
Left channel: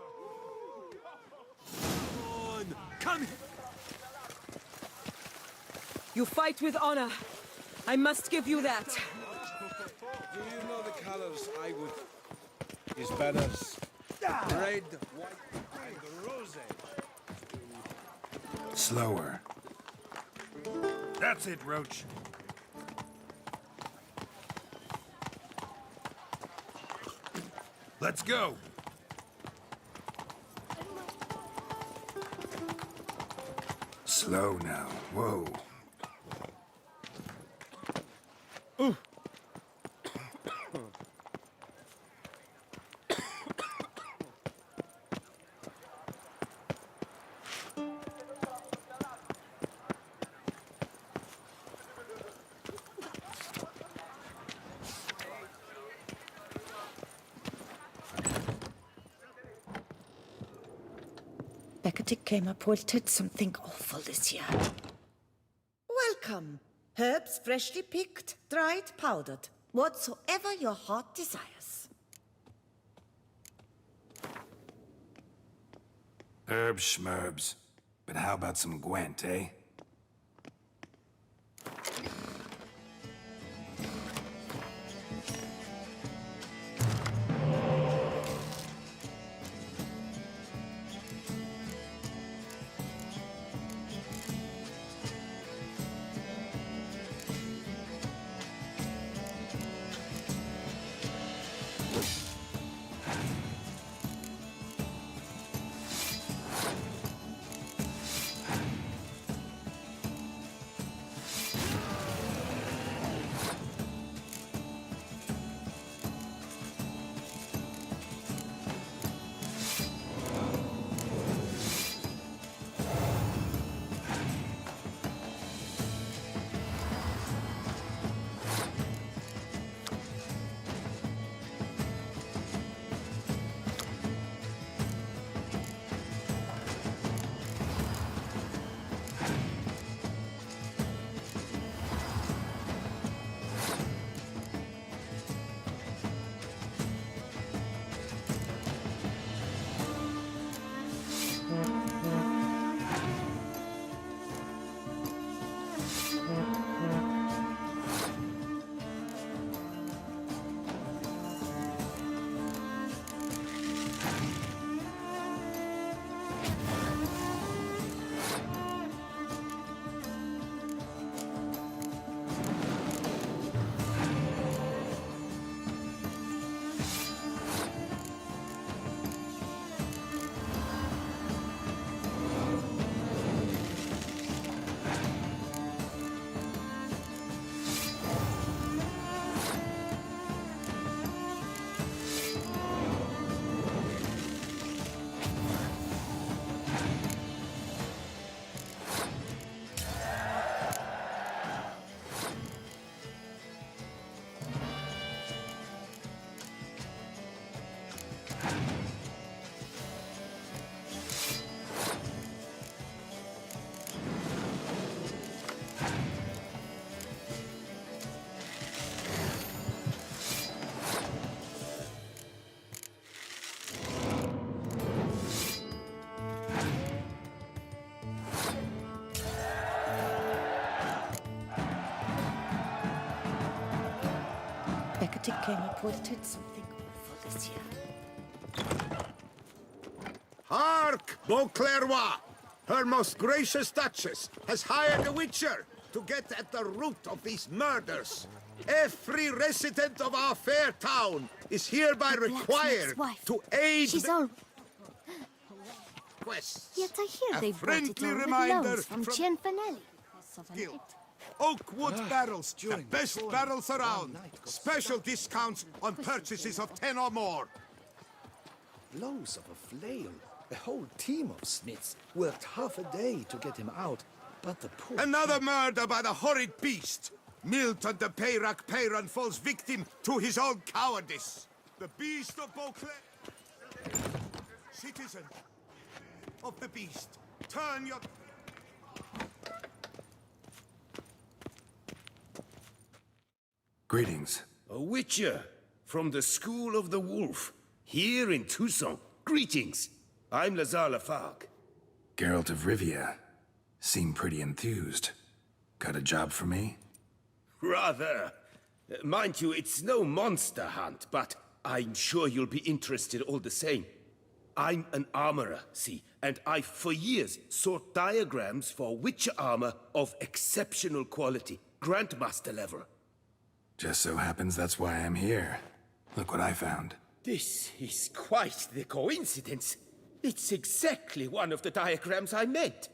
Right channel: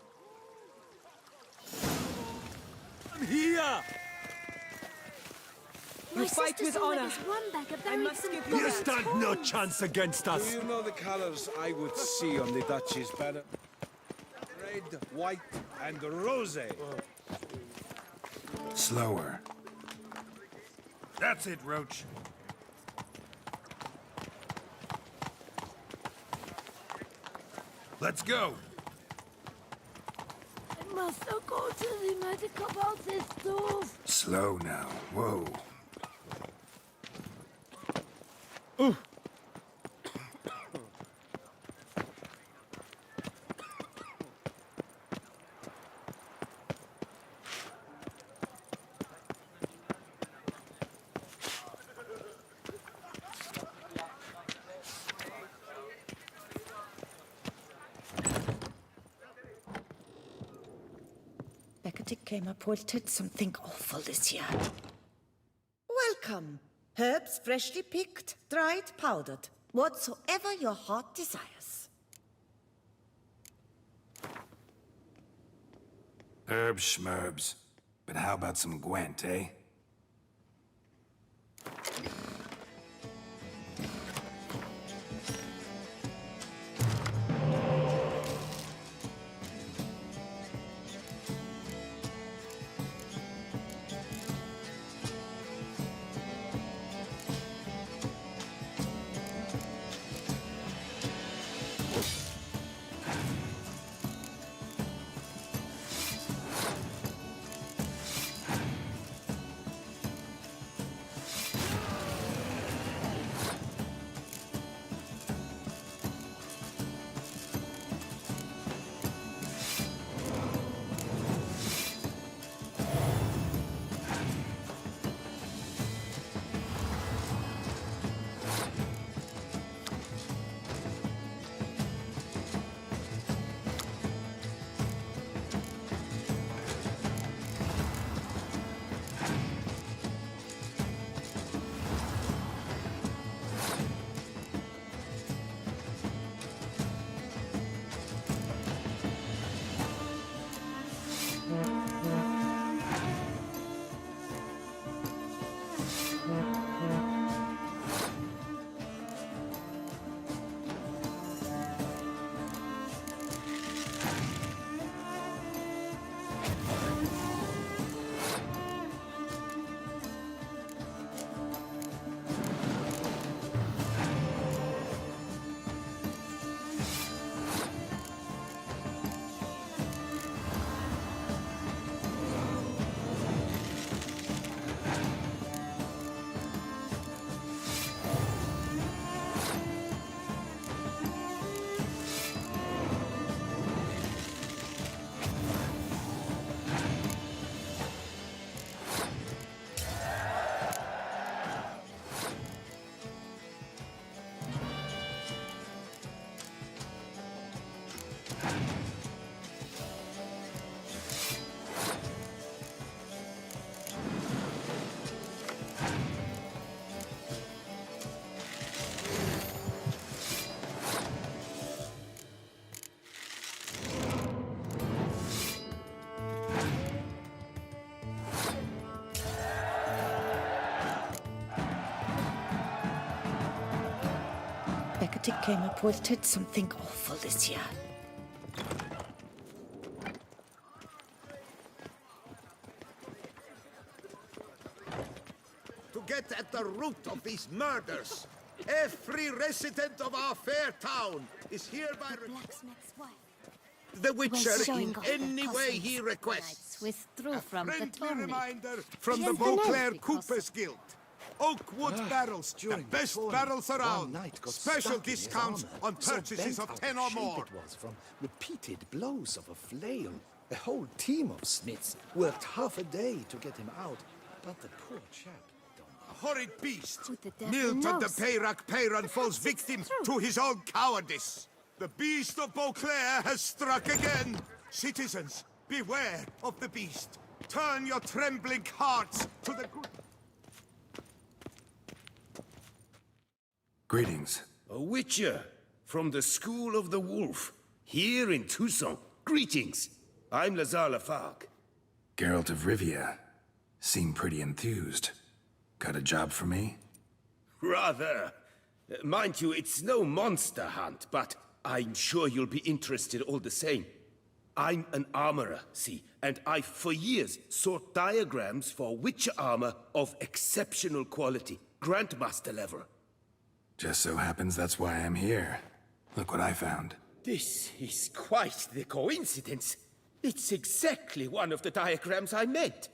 Come here! You fight with honor. I must give you You that. stand no chance against us. Do you know the colors I would see on the Duchy's banners? Red, white, and rose. Slower. That's it, Roach. Let's go. I must go to the medical office too. Slow now. Whoa. Becketic came reported something awful this year. Welcome. Herbs freshly picked, dried, powdered. Whatsoever your heart desires. Herbs schmerbs. But how about some Gwent, eh? Patty came up did something awful this year. Hark, Beauclervois! Her most gracious Duchess has hired a witcher to get at the root of these murders. Every resident of our fair town is hereby required to aid the witcher in any way he requests. Yes, I hear A they've friendly reminder from the Beauclair Coopers Guild. Oakwood barrels, the best barrels around. Special discounts on purchases of 10 or more. From repeated blows of a flail. A whole team of smiths worked half a day to get him out, but the poor... Another murder by the horrid beast! Milton de Peyran falls victim to his own cowardice. The beast of Beauclair has struck again. Citizens, beware of the beast. Turn your trembling hearts to the good... Greetings. A witcher from the School of the Wolf, here in Tucson. Greetings. I'm Lazar Lafargue. Geralt of Rivia. Seem pretty enthused. Got a job for me? Rather. Mind you, it's no monster hunt, but I'm sure you'll be interested all the same. I'm an armorer, see, and I've for years sought diagrams for witcher armor of exceptional quality, Grandmaster level. Just so happens that's why I'm here. Look what I found. This is quite the coincidence. It's exactly one of the diagrams I meant.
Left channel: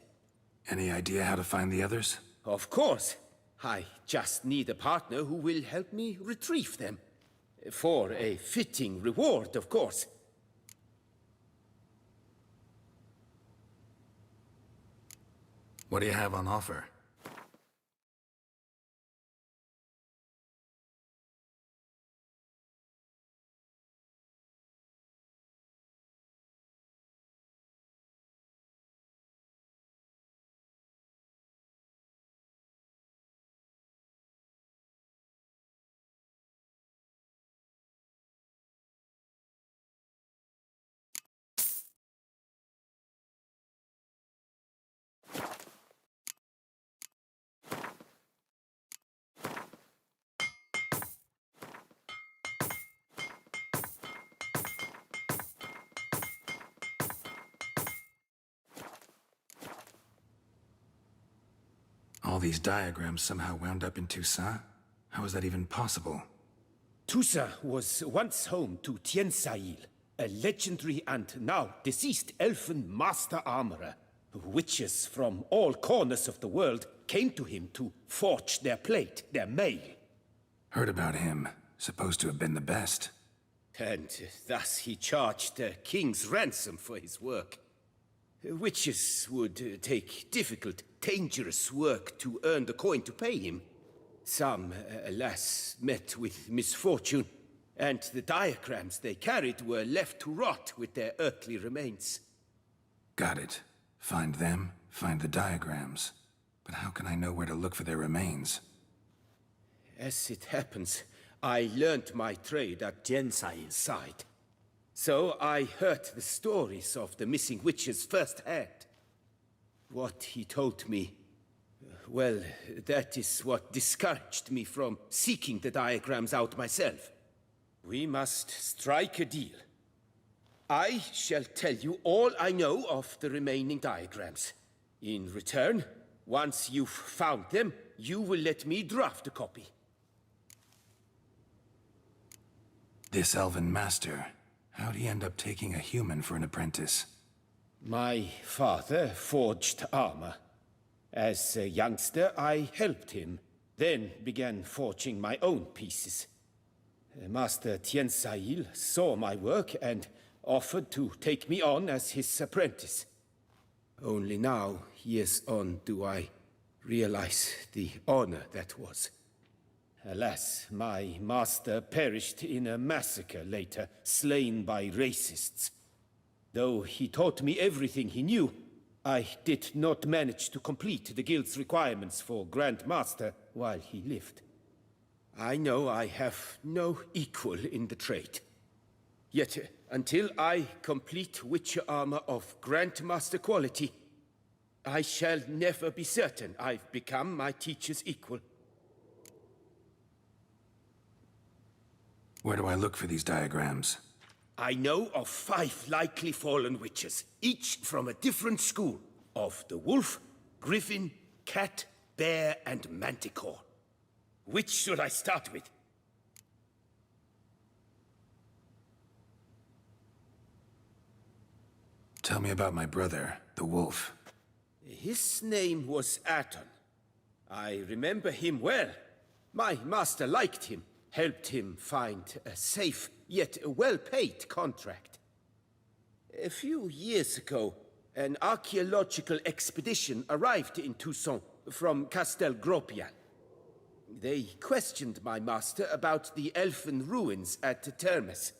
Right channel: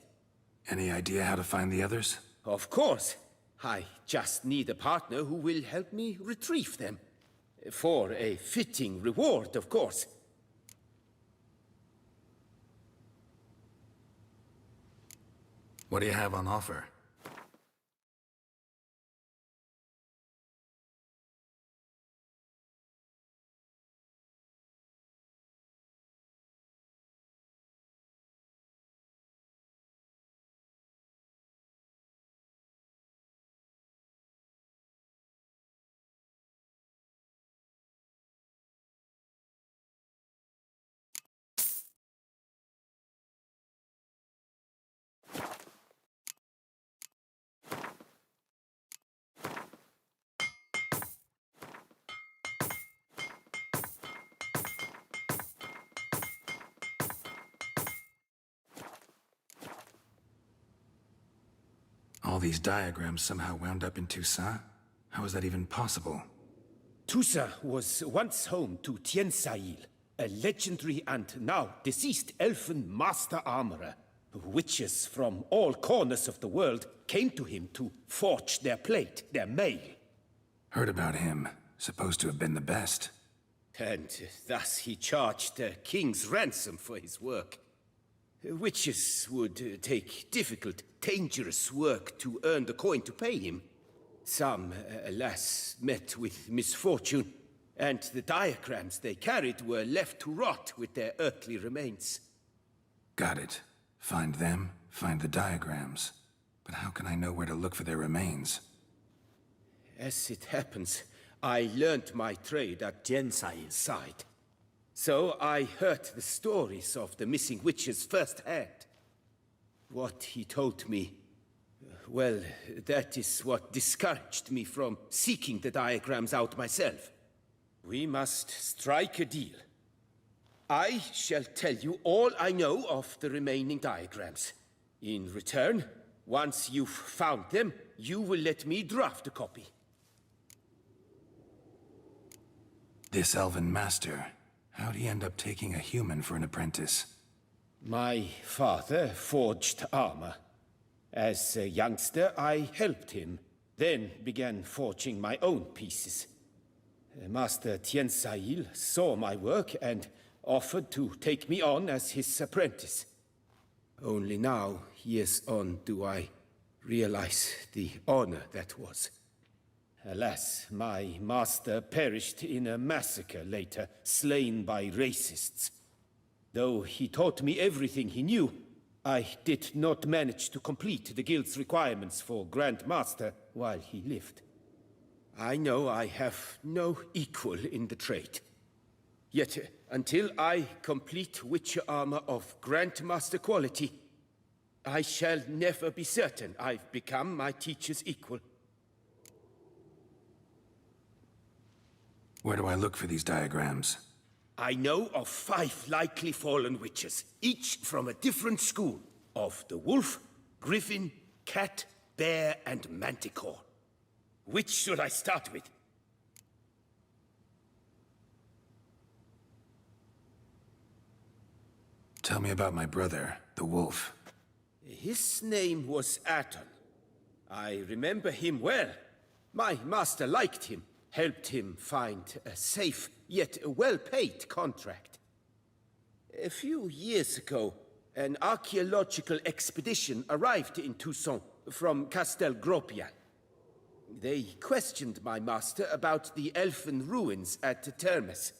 Any idea how to find the others? Of course. I just need a partner who will help me retrieve them. For a fitting reward, of course. What do you have on offer? All these diagrams somehow wound up in Toussaint? How is that even possible? Toussaint was once home to Tiensail, a legendary and now deceased elfin master armorer. Witches from all corners of the world came to him to forge their plate, their mail. Heard about him. Supposed to have been the best. And thus he charged a king's ransom for his work. Witches would take difficult, dangerous work to earn the coin to pay him. Some, alas, met with misfortune, and the diagrams they carried were left to rot with their earthly remains. Got it. Find them, find the diagrams. But how can I know where to look for their remains? As it happens, I learned my trade at Tiensail's side. So I heard the stories of the missing witches firsthand. What he told me, well, that is what discouraged me from seeking the diagrams out myself. We must strike a deal. I shall tell you all I know of the remaining diagrams. In return, once you've found them, you will let me draft a copy. This elven master, how'd he end up taking a human for an apprentice? My father forged armor. As a youngster, I helped him, then began forging my own pieces. Master Tiensail saw my work and offered to take me on as his apprentice. Only now, years on, do I realize the honor that was. Alas, my master perished in a massacre later, slain by racists. Though he taught me everything he knew, I did not manage to complete the guild's requirements for Grand Master while he lived. I know I have no equal in the trade. Yet, until I complete Witcher armor of Grandmaster quality, I shall never be certain I've become my teacher's equal. Where do I look for these diagrams? I know of 5 likely fallen witches, each from a different school of the wolf, griffin, cat, bear, and manticore. Which should I start with? Tell me about my brother, the wolf. His name was Aton. I remember him well. My master liked him, helped him find a safe, yet well-paid contract. A few years ago, an archaeological expedition arrived in Toussaint from Castel Gropian. They questioned my master about the elfin ruins at Termes.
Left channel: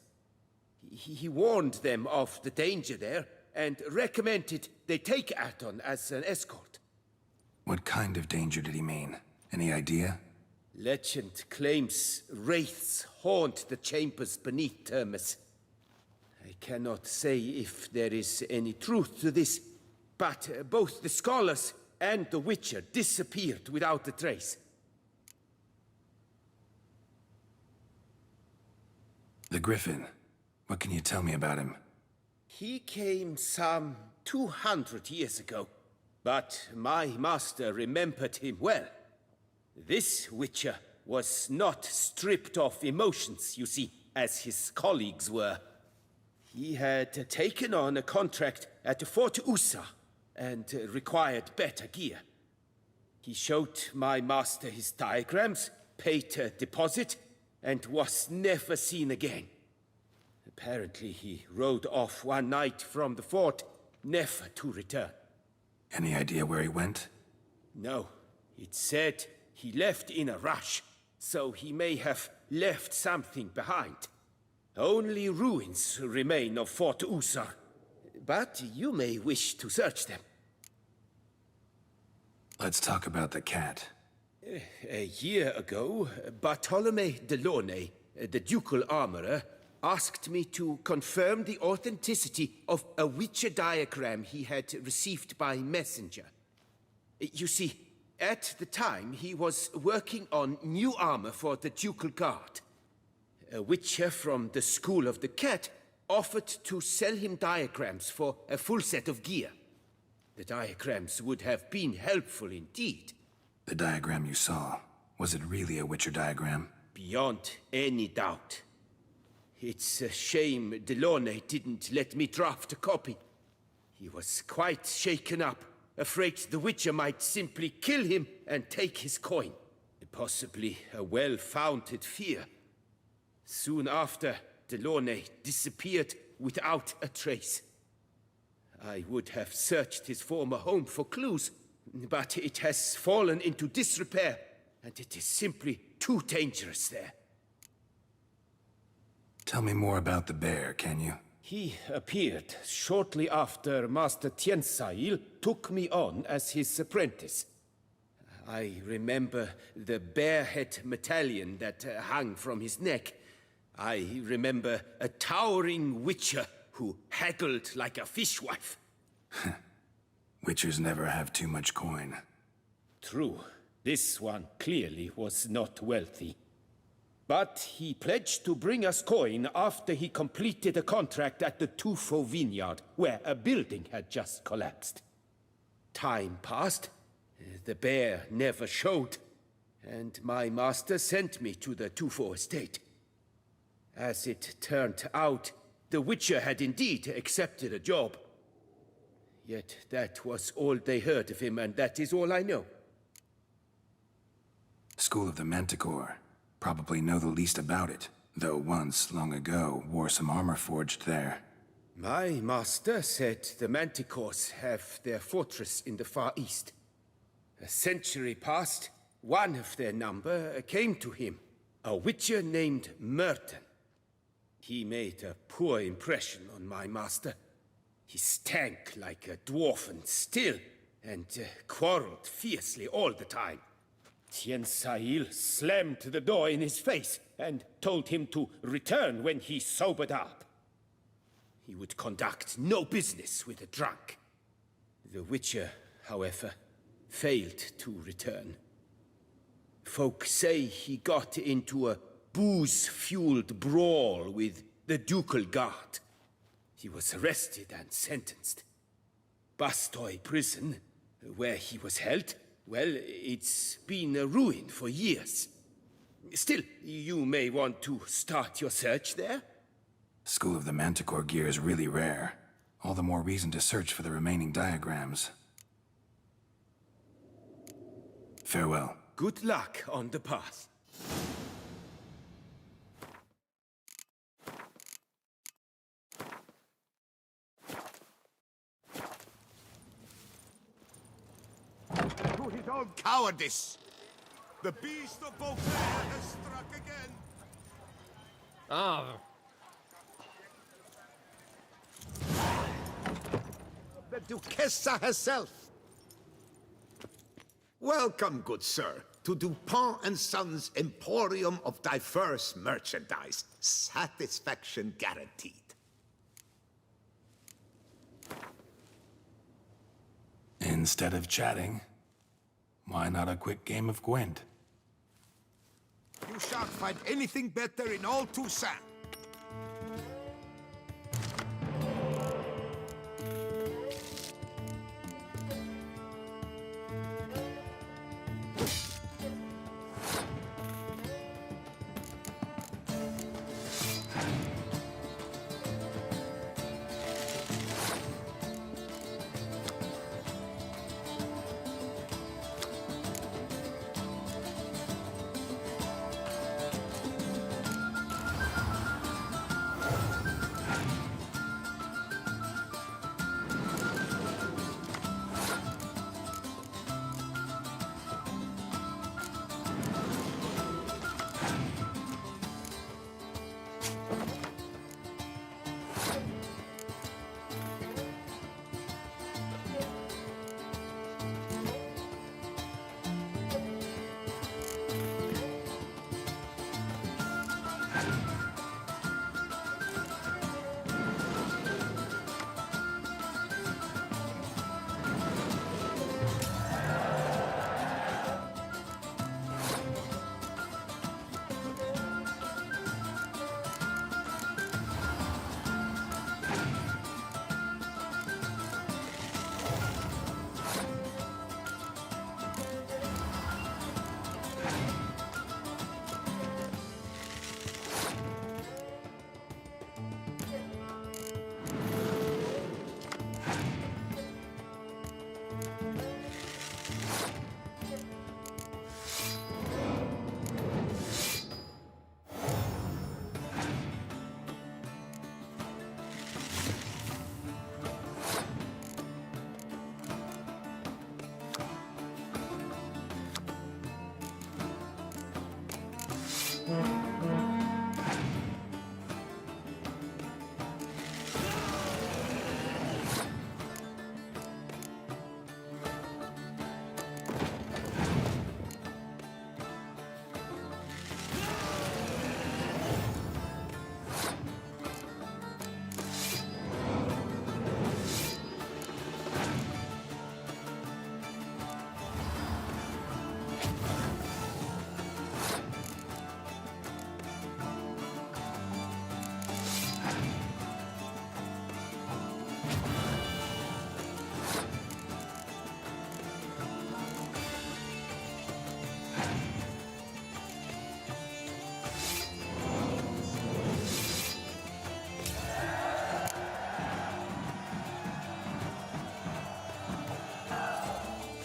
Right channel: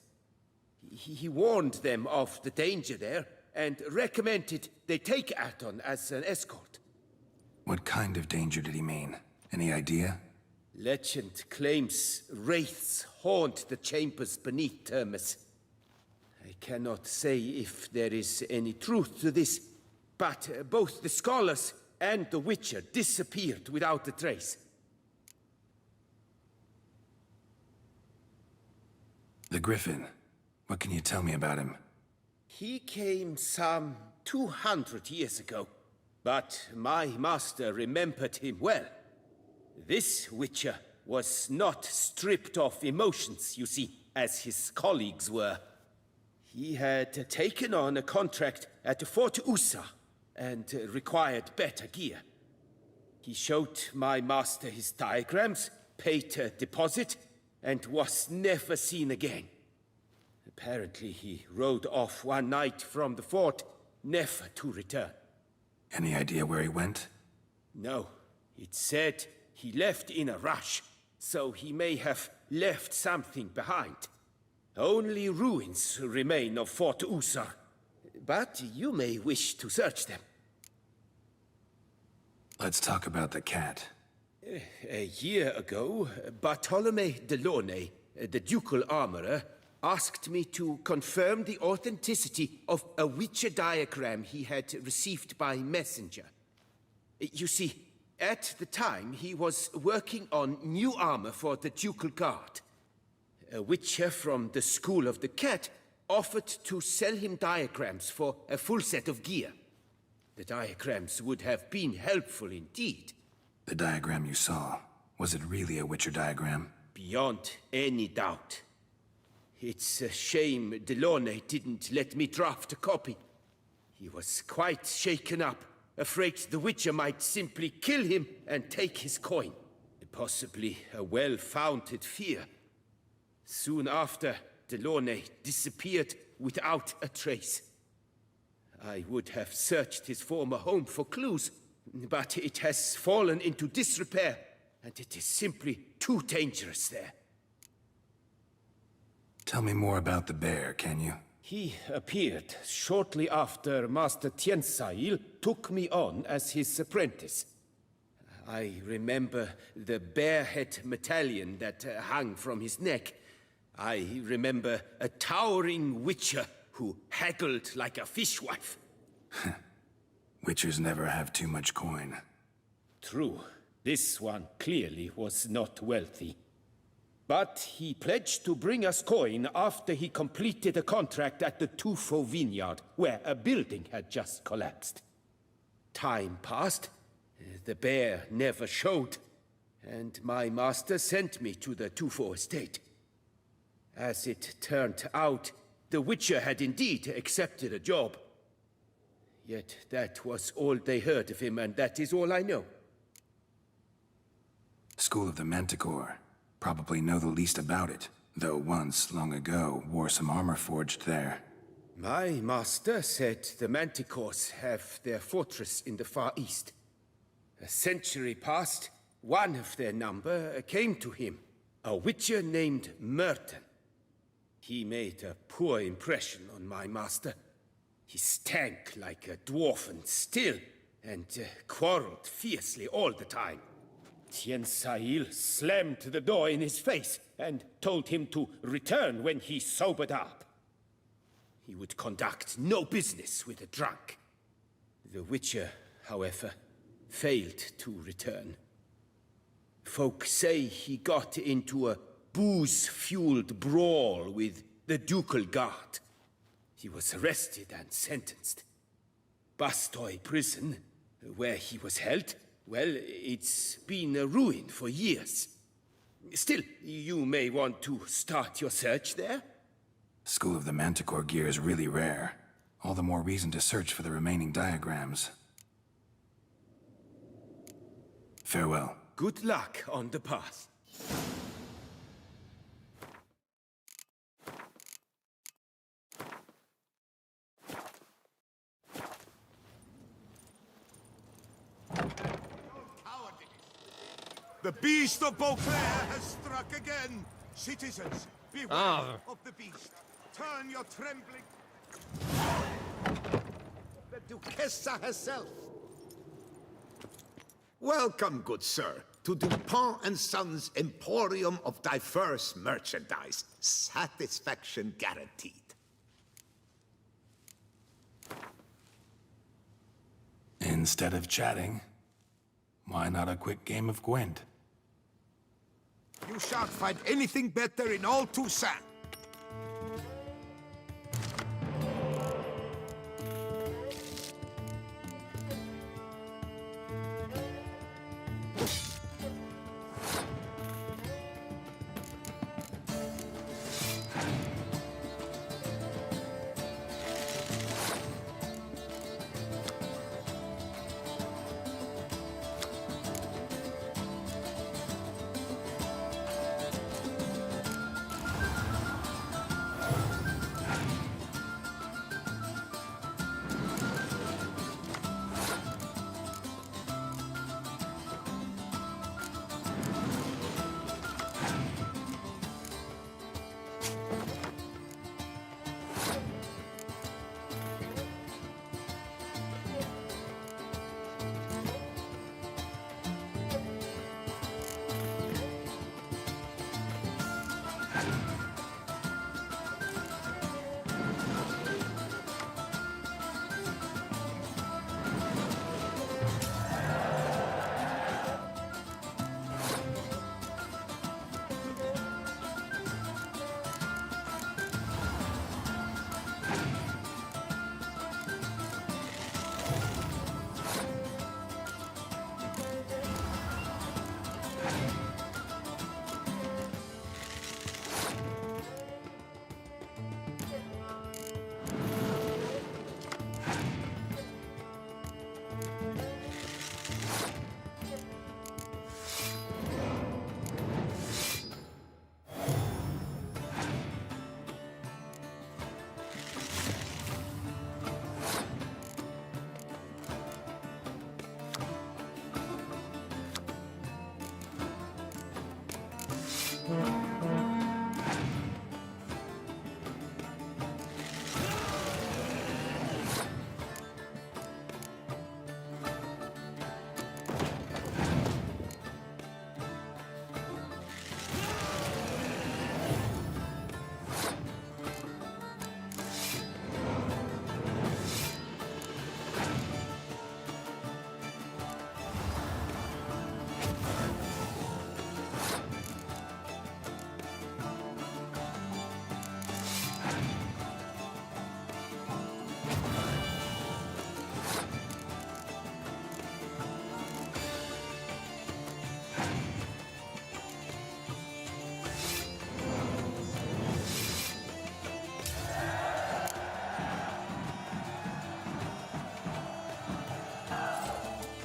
He warned them of the danger there and recommended they take Aton as an escort. What kind of danger did he mean? Any idea? Legend claims wraiths haunt the chambers beneath Termes. I cannot say if there is any truth to this, but both the scholars and the Witcher disappeared without a trace. The Griffin. What can you tell me about him? He came some 200 years ago, but my master remembered him well. This Witcher was not stripped of emotions, you see, as his colleagues were. He had taken on a contract at Fort Usa and required better gear. He showed my master his diagrams, paid a deposit, and was never seen again. Apparently he rode off one night from the fort, never to return. Any idea where he went? No. It said he left in a rush, so he may have left something behind. Only ruins remain of Fort Usar, but you may wish to search them. Let's talk about the cat. A year ago, Bartolome de Launay, the ducal armorer, asked me to confirm the authenticity of a Witcher diagram he had received by messenger. You see, at the time he was working on new armor for the ducal guard. A Witcher from the School of the Cat offered to sell him diagrams for a full set of gear. The diagrams would have been helpful indeed. The diagram you saw, was it really a Witcher diagram? Beyond any doubt. It's a shame Delaunay didn't let me draft a copy. He was quite shaken up, afraid the Witcher might simply kill him and take his coin. Possibly a well-founded fear. Soon after, Delaunay disappeared without a trace. I would have searched his former home for clues, but it has fallen into disrepair, and it is simply too dangerous there. Tell me more about the bear, can you? He appeared shortly after Master Tiensail took me on as his apprentice. I remember the bear-head medallion that hung from his neck. I remember a towering Witcher who haggled like a fishwife. Witchers never have too much coin. True. This one clearly was not wealthy. But he pledged to bring us coin after he completed a contract at the Tufo vineyard, where a building had just collapsed. Time passed. The bear never showed, and my master sent me to the Tufo estate. As it turned out, the Witcher had indeed accepted a job. Yet that was all they heard of him, and that is all I know. School of the Manticore. Probably know the least about it, though once, long ago, wore some armor forged there. My master said the Manticores have their fortress in the Far East. A century passed, one of their number came to him, a Witcher named Merton. He made a poor impression on my master. He stank like a dwarfen still, and quarreled fiercely all the time. Tiensail slammed the door in his face and told him to return when he sobered up. He would conduct no business with a drunk. The Witcher, however, failed to return. Folk say he got into a booze-fueled brawl with the ducal guard. He was arrested and sentenced. Bastoy prison, where he was held, well, it's been a ruin for years. Still, you may want to start your search there. School of the Manticore gear is really rare. All the more reason to search for the remaining diagrams. Farewell. Good luck on the path. To his own cowardice! The beast of Beauclair has struck again! Citizens, beware of the beast! Turn your trembling... The Duchessa herself! Welcome, good sir, to Dupont and Sons' Emporium of diverse merchandise. Satisfaction guaranteed. Instead of chatting, why not a quick game of Gwent? You shan't find anything better in all Toussaint.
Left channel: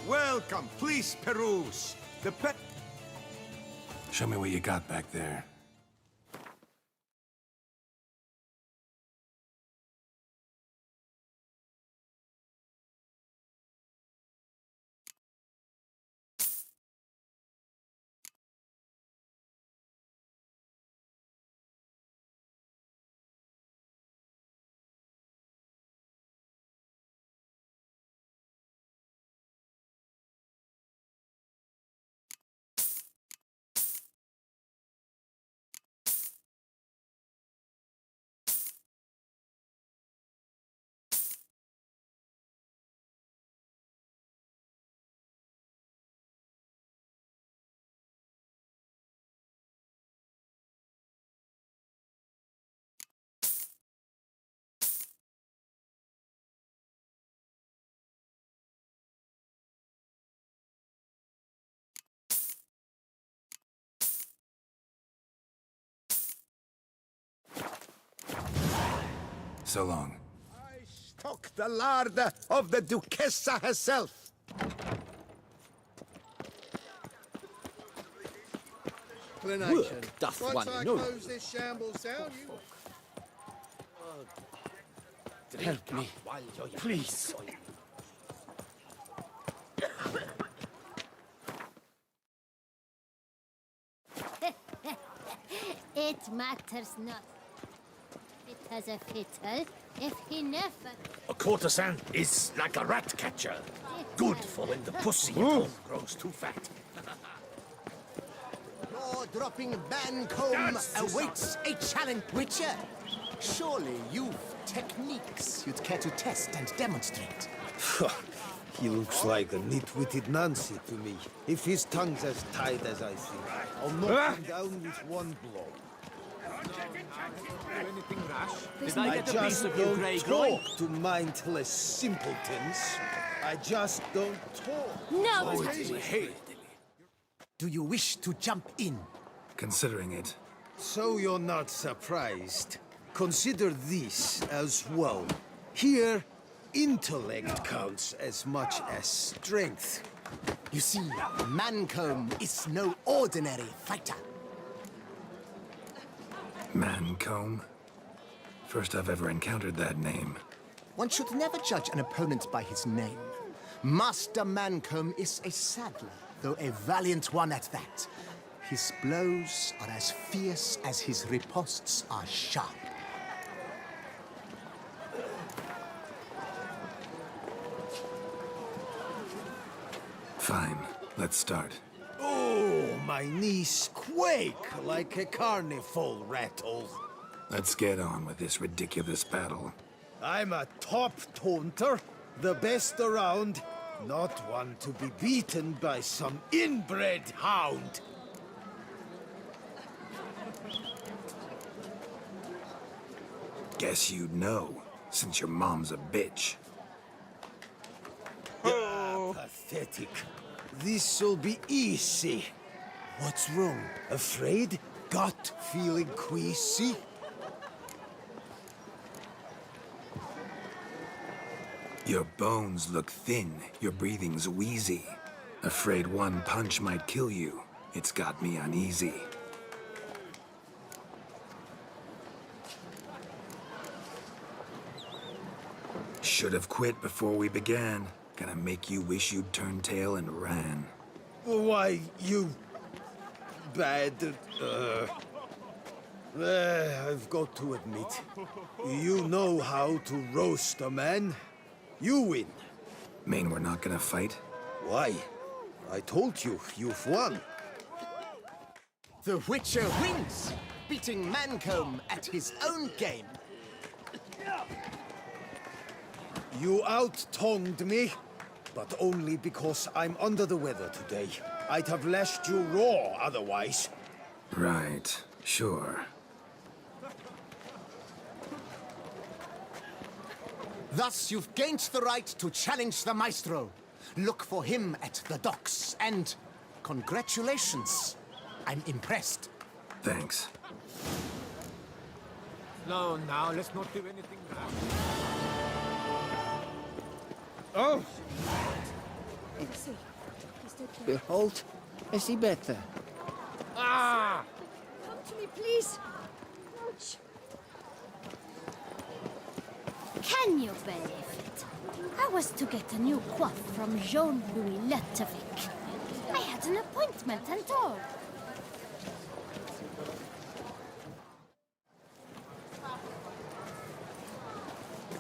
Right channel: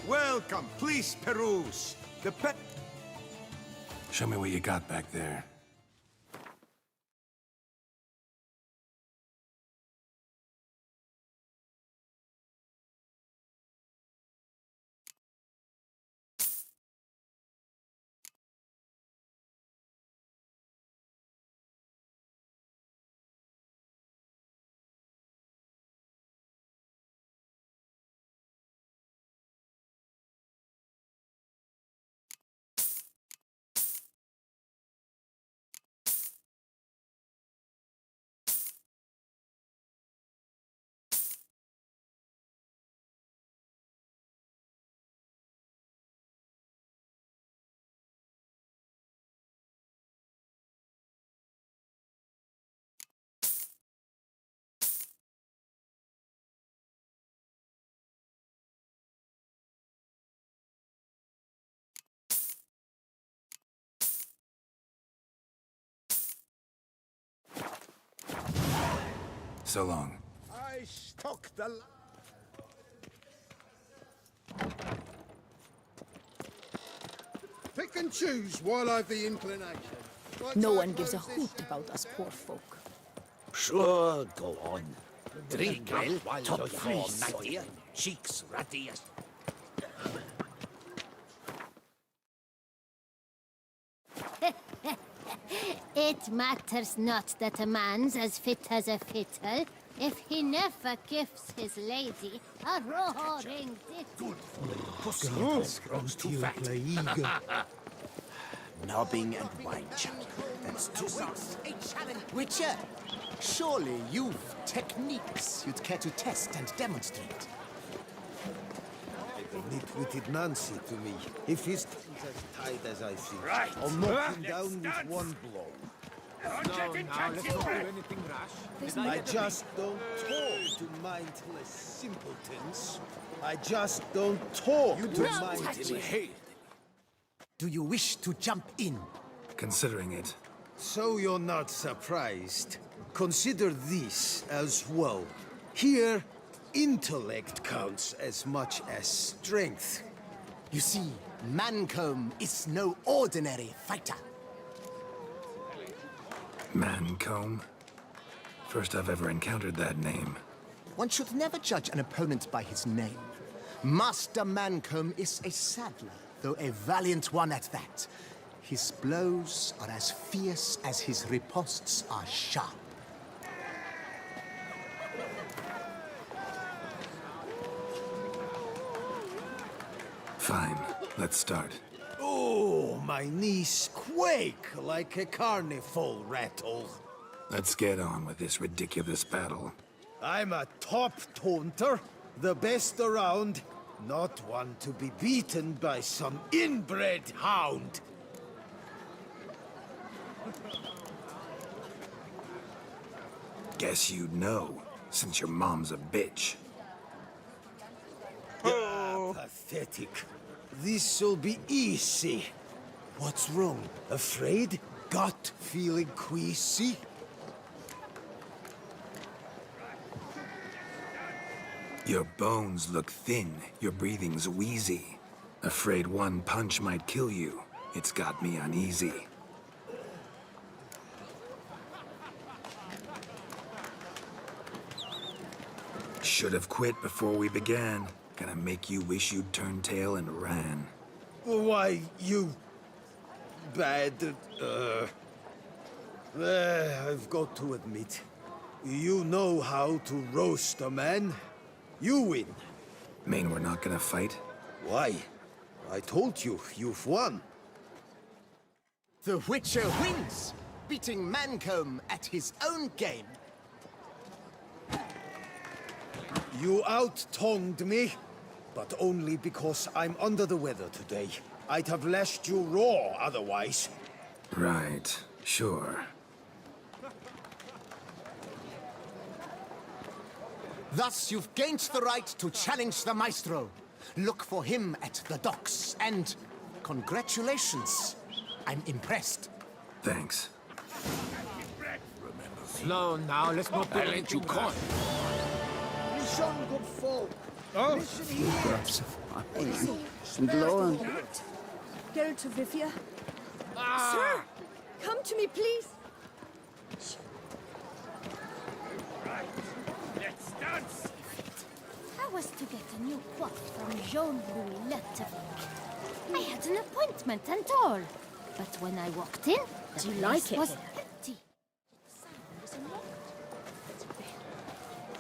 Welcome, please peruse. The pet... Show me what you got back there. So long. I stock the larder of the Duchessa herself. Pick and choose while I've the inclination. No one knows a hoot about us poor folk. Sure, go on. Drink Help me, while top you're priest. here. Cheeks ruddy as... It matters not that a man's as fit as a fiddle if he never gifts. A courtesan is like a rat catcher. Good for when the pussy grows too fat. Dropping Bancombe awaits a challenge. Witcher, surely you've techniques you'd care to test and demonstrate. He looks like a nitwitted Nancy to me. If his tongue's as tight as I think, I'll knock him down with one blow. I just don't talk to mindless simpletons. I just don't talk to mindless... Do you wish to jump in? Considering it. So you're not surprised. Consider this as well. Here, intellect counts as much as strength. You see, Mancombe is no ordinary fighter. Mancombe? First I've ever encountered that name. One should never judge an opponent by his name. Master Mancombe is a saddler, though a valiant one at that. His blows are as fierce as his riposts are sharp. Fine, let's start. Oh, my knees quake like a carnival rattle. Let's get on with this ridiculous battle. I'm a top taunter, the best around, not one to be beaten by some inbred hound. Guess you'd know, since your mom's a bitch. Oh, pathetic. This'll be easy. What's wrong? Afraid? Gut feeling queasy? Your bones look thin, your breathing's wheezy. Afraid one punch might kill you. It's got me uneasy. Should have quit before we began. Gonna make you wish you'd turned tail and ran. Why, you... bad... I've got to admit, you know how to roast a man. You win. Mean we're not gonna fight? Why? I told you, you've won. The Witcher wins, beating Mancombe at his own game. You out-tongued me, but only because I'm under the weather today. I'd have lashed you raw otherwise. Right, sure. Thus, you've gained the right to challenge the Maestro. Look for him at the docks, and congratulations. I'm impressed. Thanks. Slow now, let's not do anything wrong. Oh! And lo and behold, is he better? Sir, come to me, please. Can you benefit? I was to get a new coif from Jean-Louis Ludovic. I had an appointment and all. But when I walked in, do you like it? Was empty.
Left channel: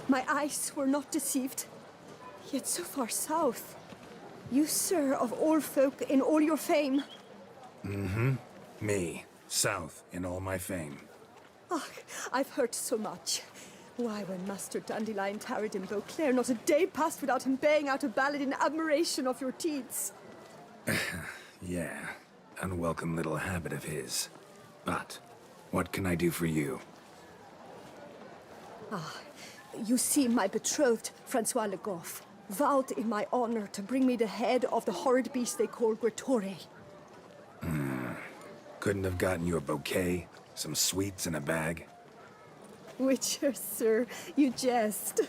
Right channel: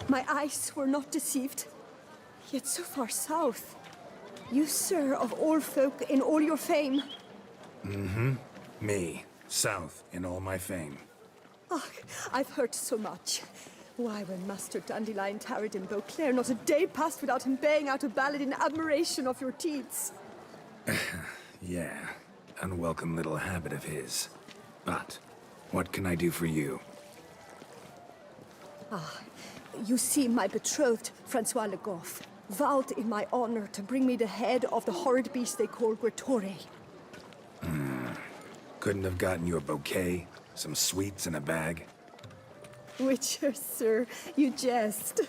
My eyes were not deceived. Yet so far south. You, sir, of all folk in all your fame. Mm-hmm. Me, south in all my fame. Ah, I've heard so much. Why, when Master Dandelion tarried in Beauclair, not a day passed without him baying out a ballad in admiration of your deeds. Yeah, unwelcome little habit of his. But, what can I do for you? Ah, you see, my betrothed, Francois Le Goff, vowed in my honor to bring me the head of the horrid beast they call Gretore. Couldn't have gotten you a bouquet, some sweets in a bag? Witcher, sir, you jest.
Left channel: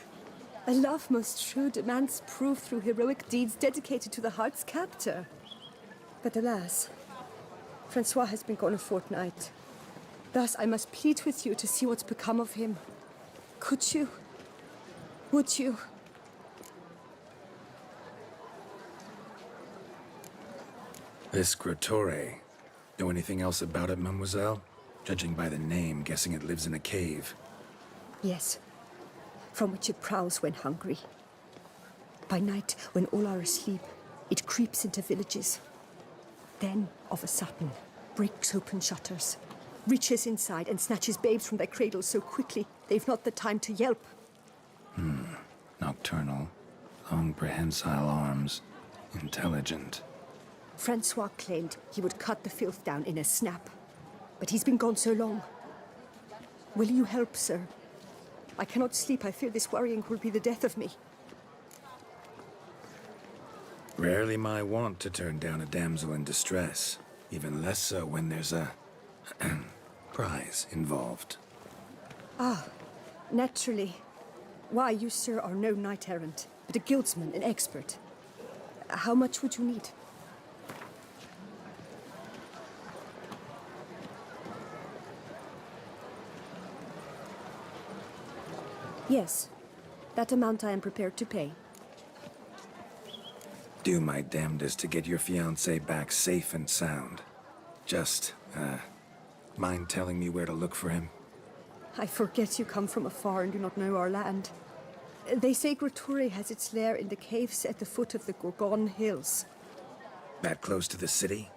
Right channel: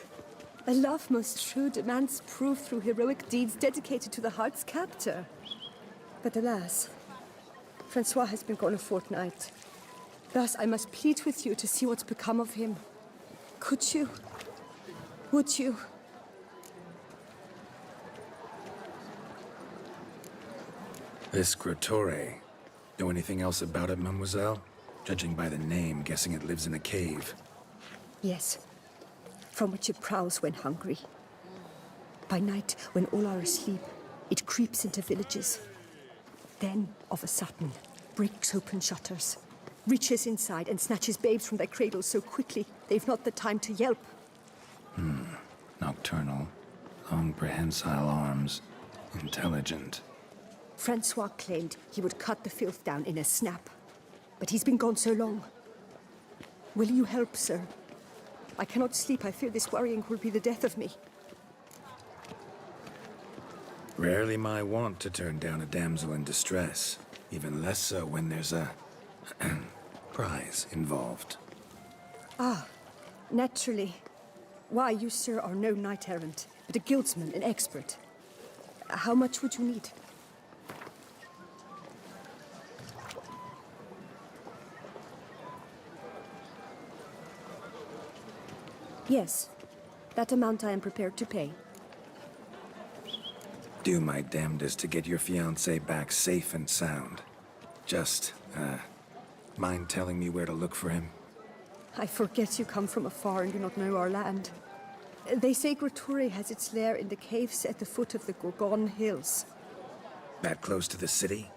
A love most true demands proof through heroic deeds dedicated to the heart's captor. But alas, Francois has been gone a fortnight. Thus I must plead with you to see what's become of him. Could you? Would you? This Grottore. Know anything else about it, mademoiselle? Judging by the name, guessing it lives in a cave. Yes, from which it prowls when hungry. By night, when all are asleep, it creeps into villages. Then, of a sudden, breaks open shutters, reaches inside and snatches babes from their cradles so quickly they've not the time to yelp. Nocturnal. Long prehensile arms. Intelligent. Francois claimed he would cut the filth down in a snap. But he's been gone so long. Will you help, sir? I cannot sleep. I fear this worrying will be the death of me. Rarely my wont to turn down a damsel in distress. Even less so when there's a prize involved. Ah, naturally. Why, you, sir, are no knight-errant, but a guildsman, an expert. How much would you need? Yes, that amount I am prepared to pay. Do my damnedest to get your fiancé back safe and sound. Just, mind telling me where to look for him? I forget you come from afar and do not know our land. They say Grottore has its lair in the caves at the foot of the Gorgon Hills. That close to the city?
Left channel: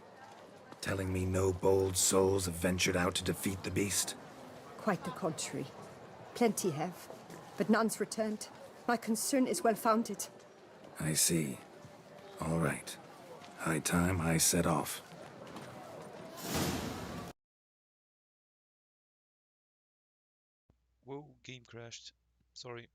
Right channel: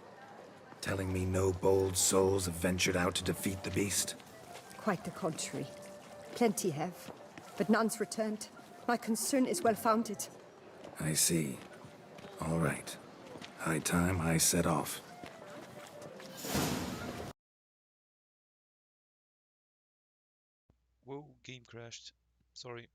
Telling me no bold souls have ventured out to defeat the beast? Quite the contrary. Plenty have, but none's returned. My concern is well-founded. I see. All right. High time I set off. Whoa, game crashed. Sorry.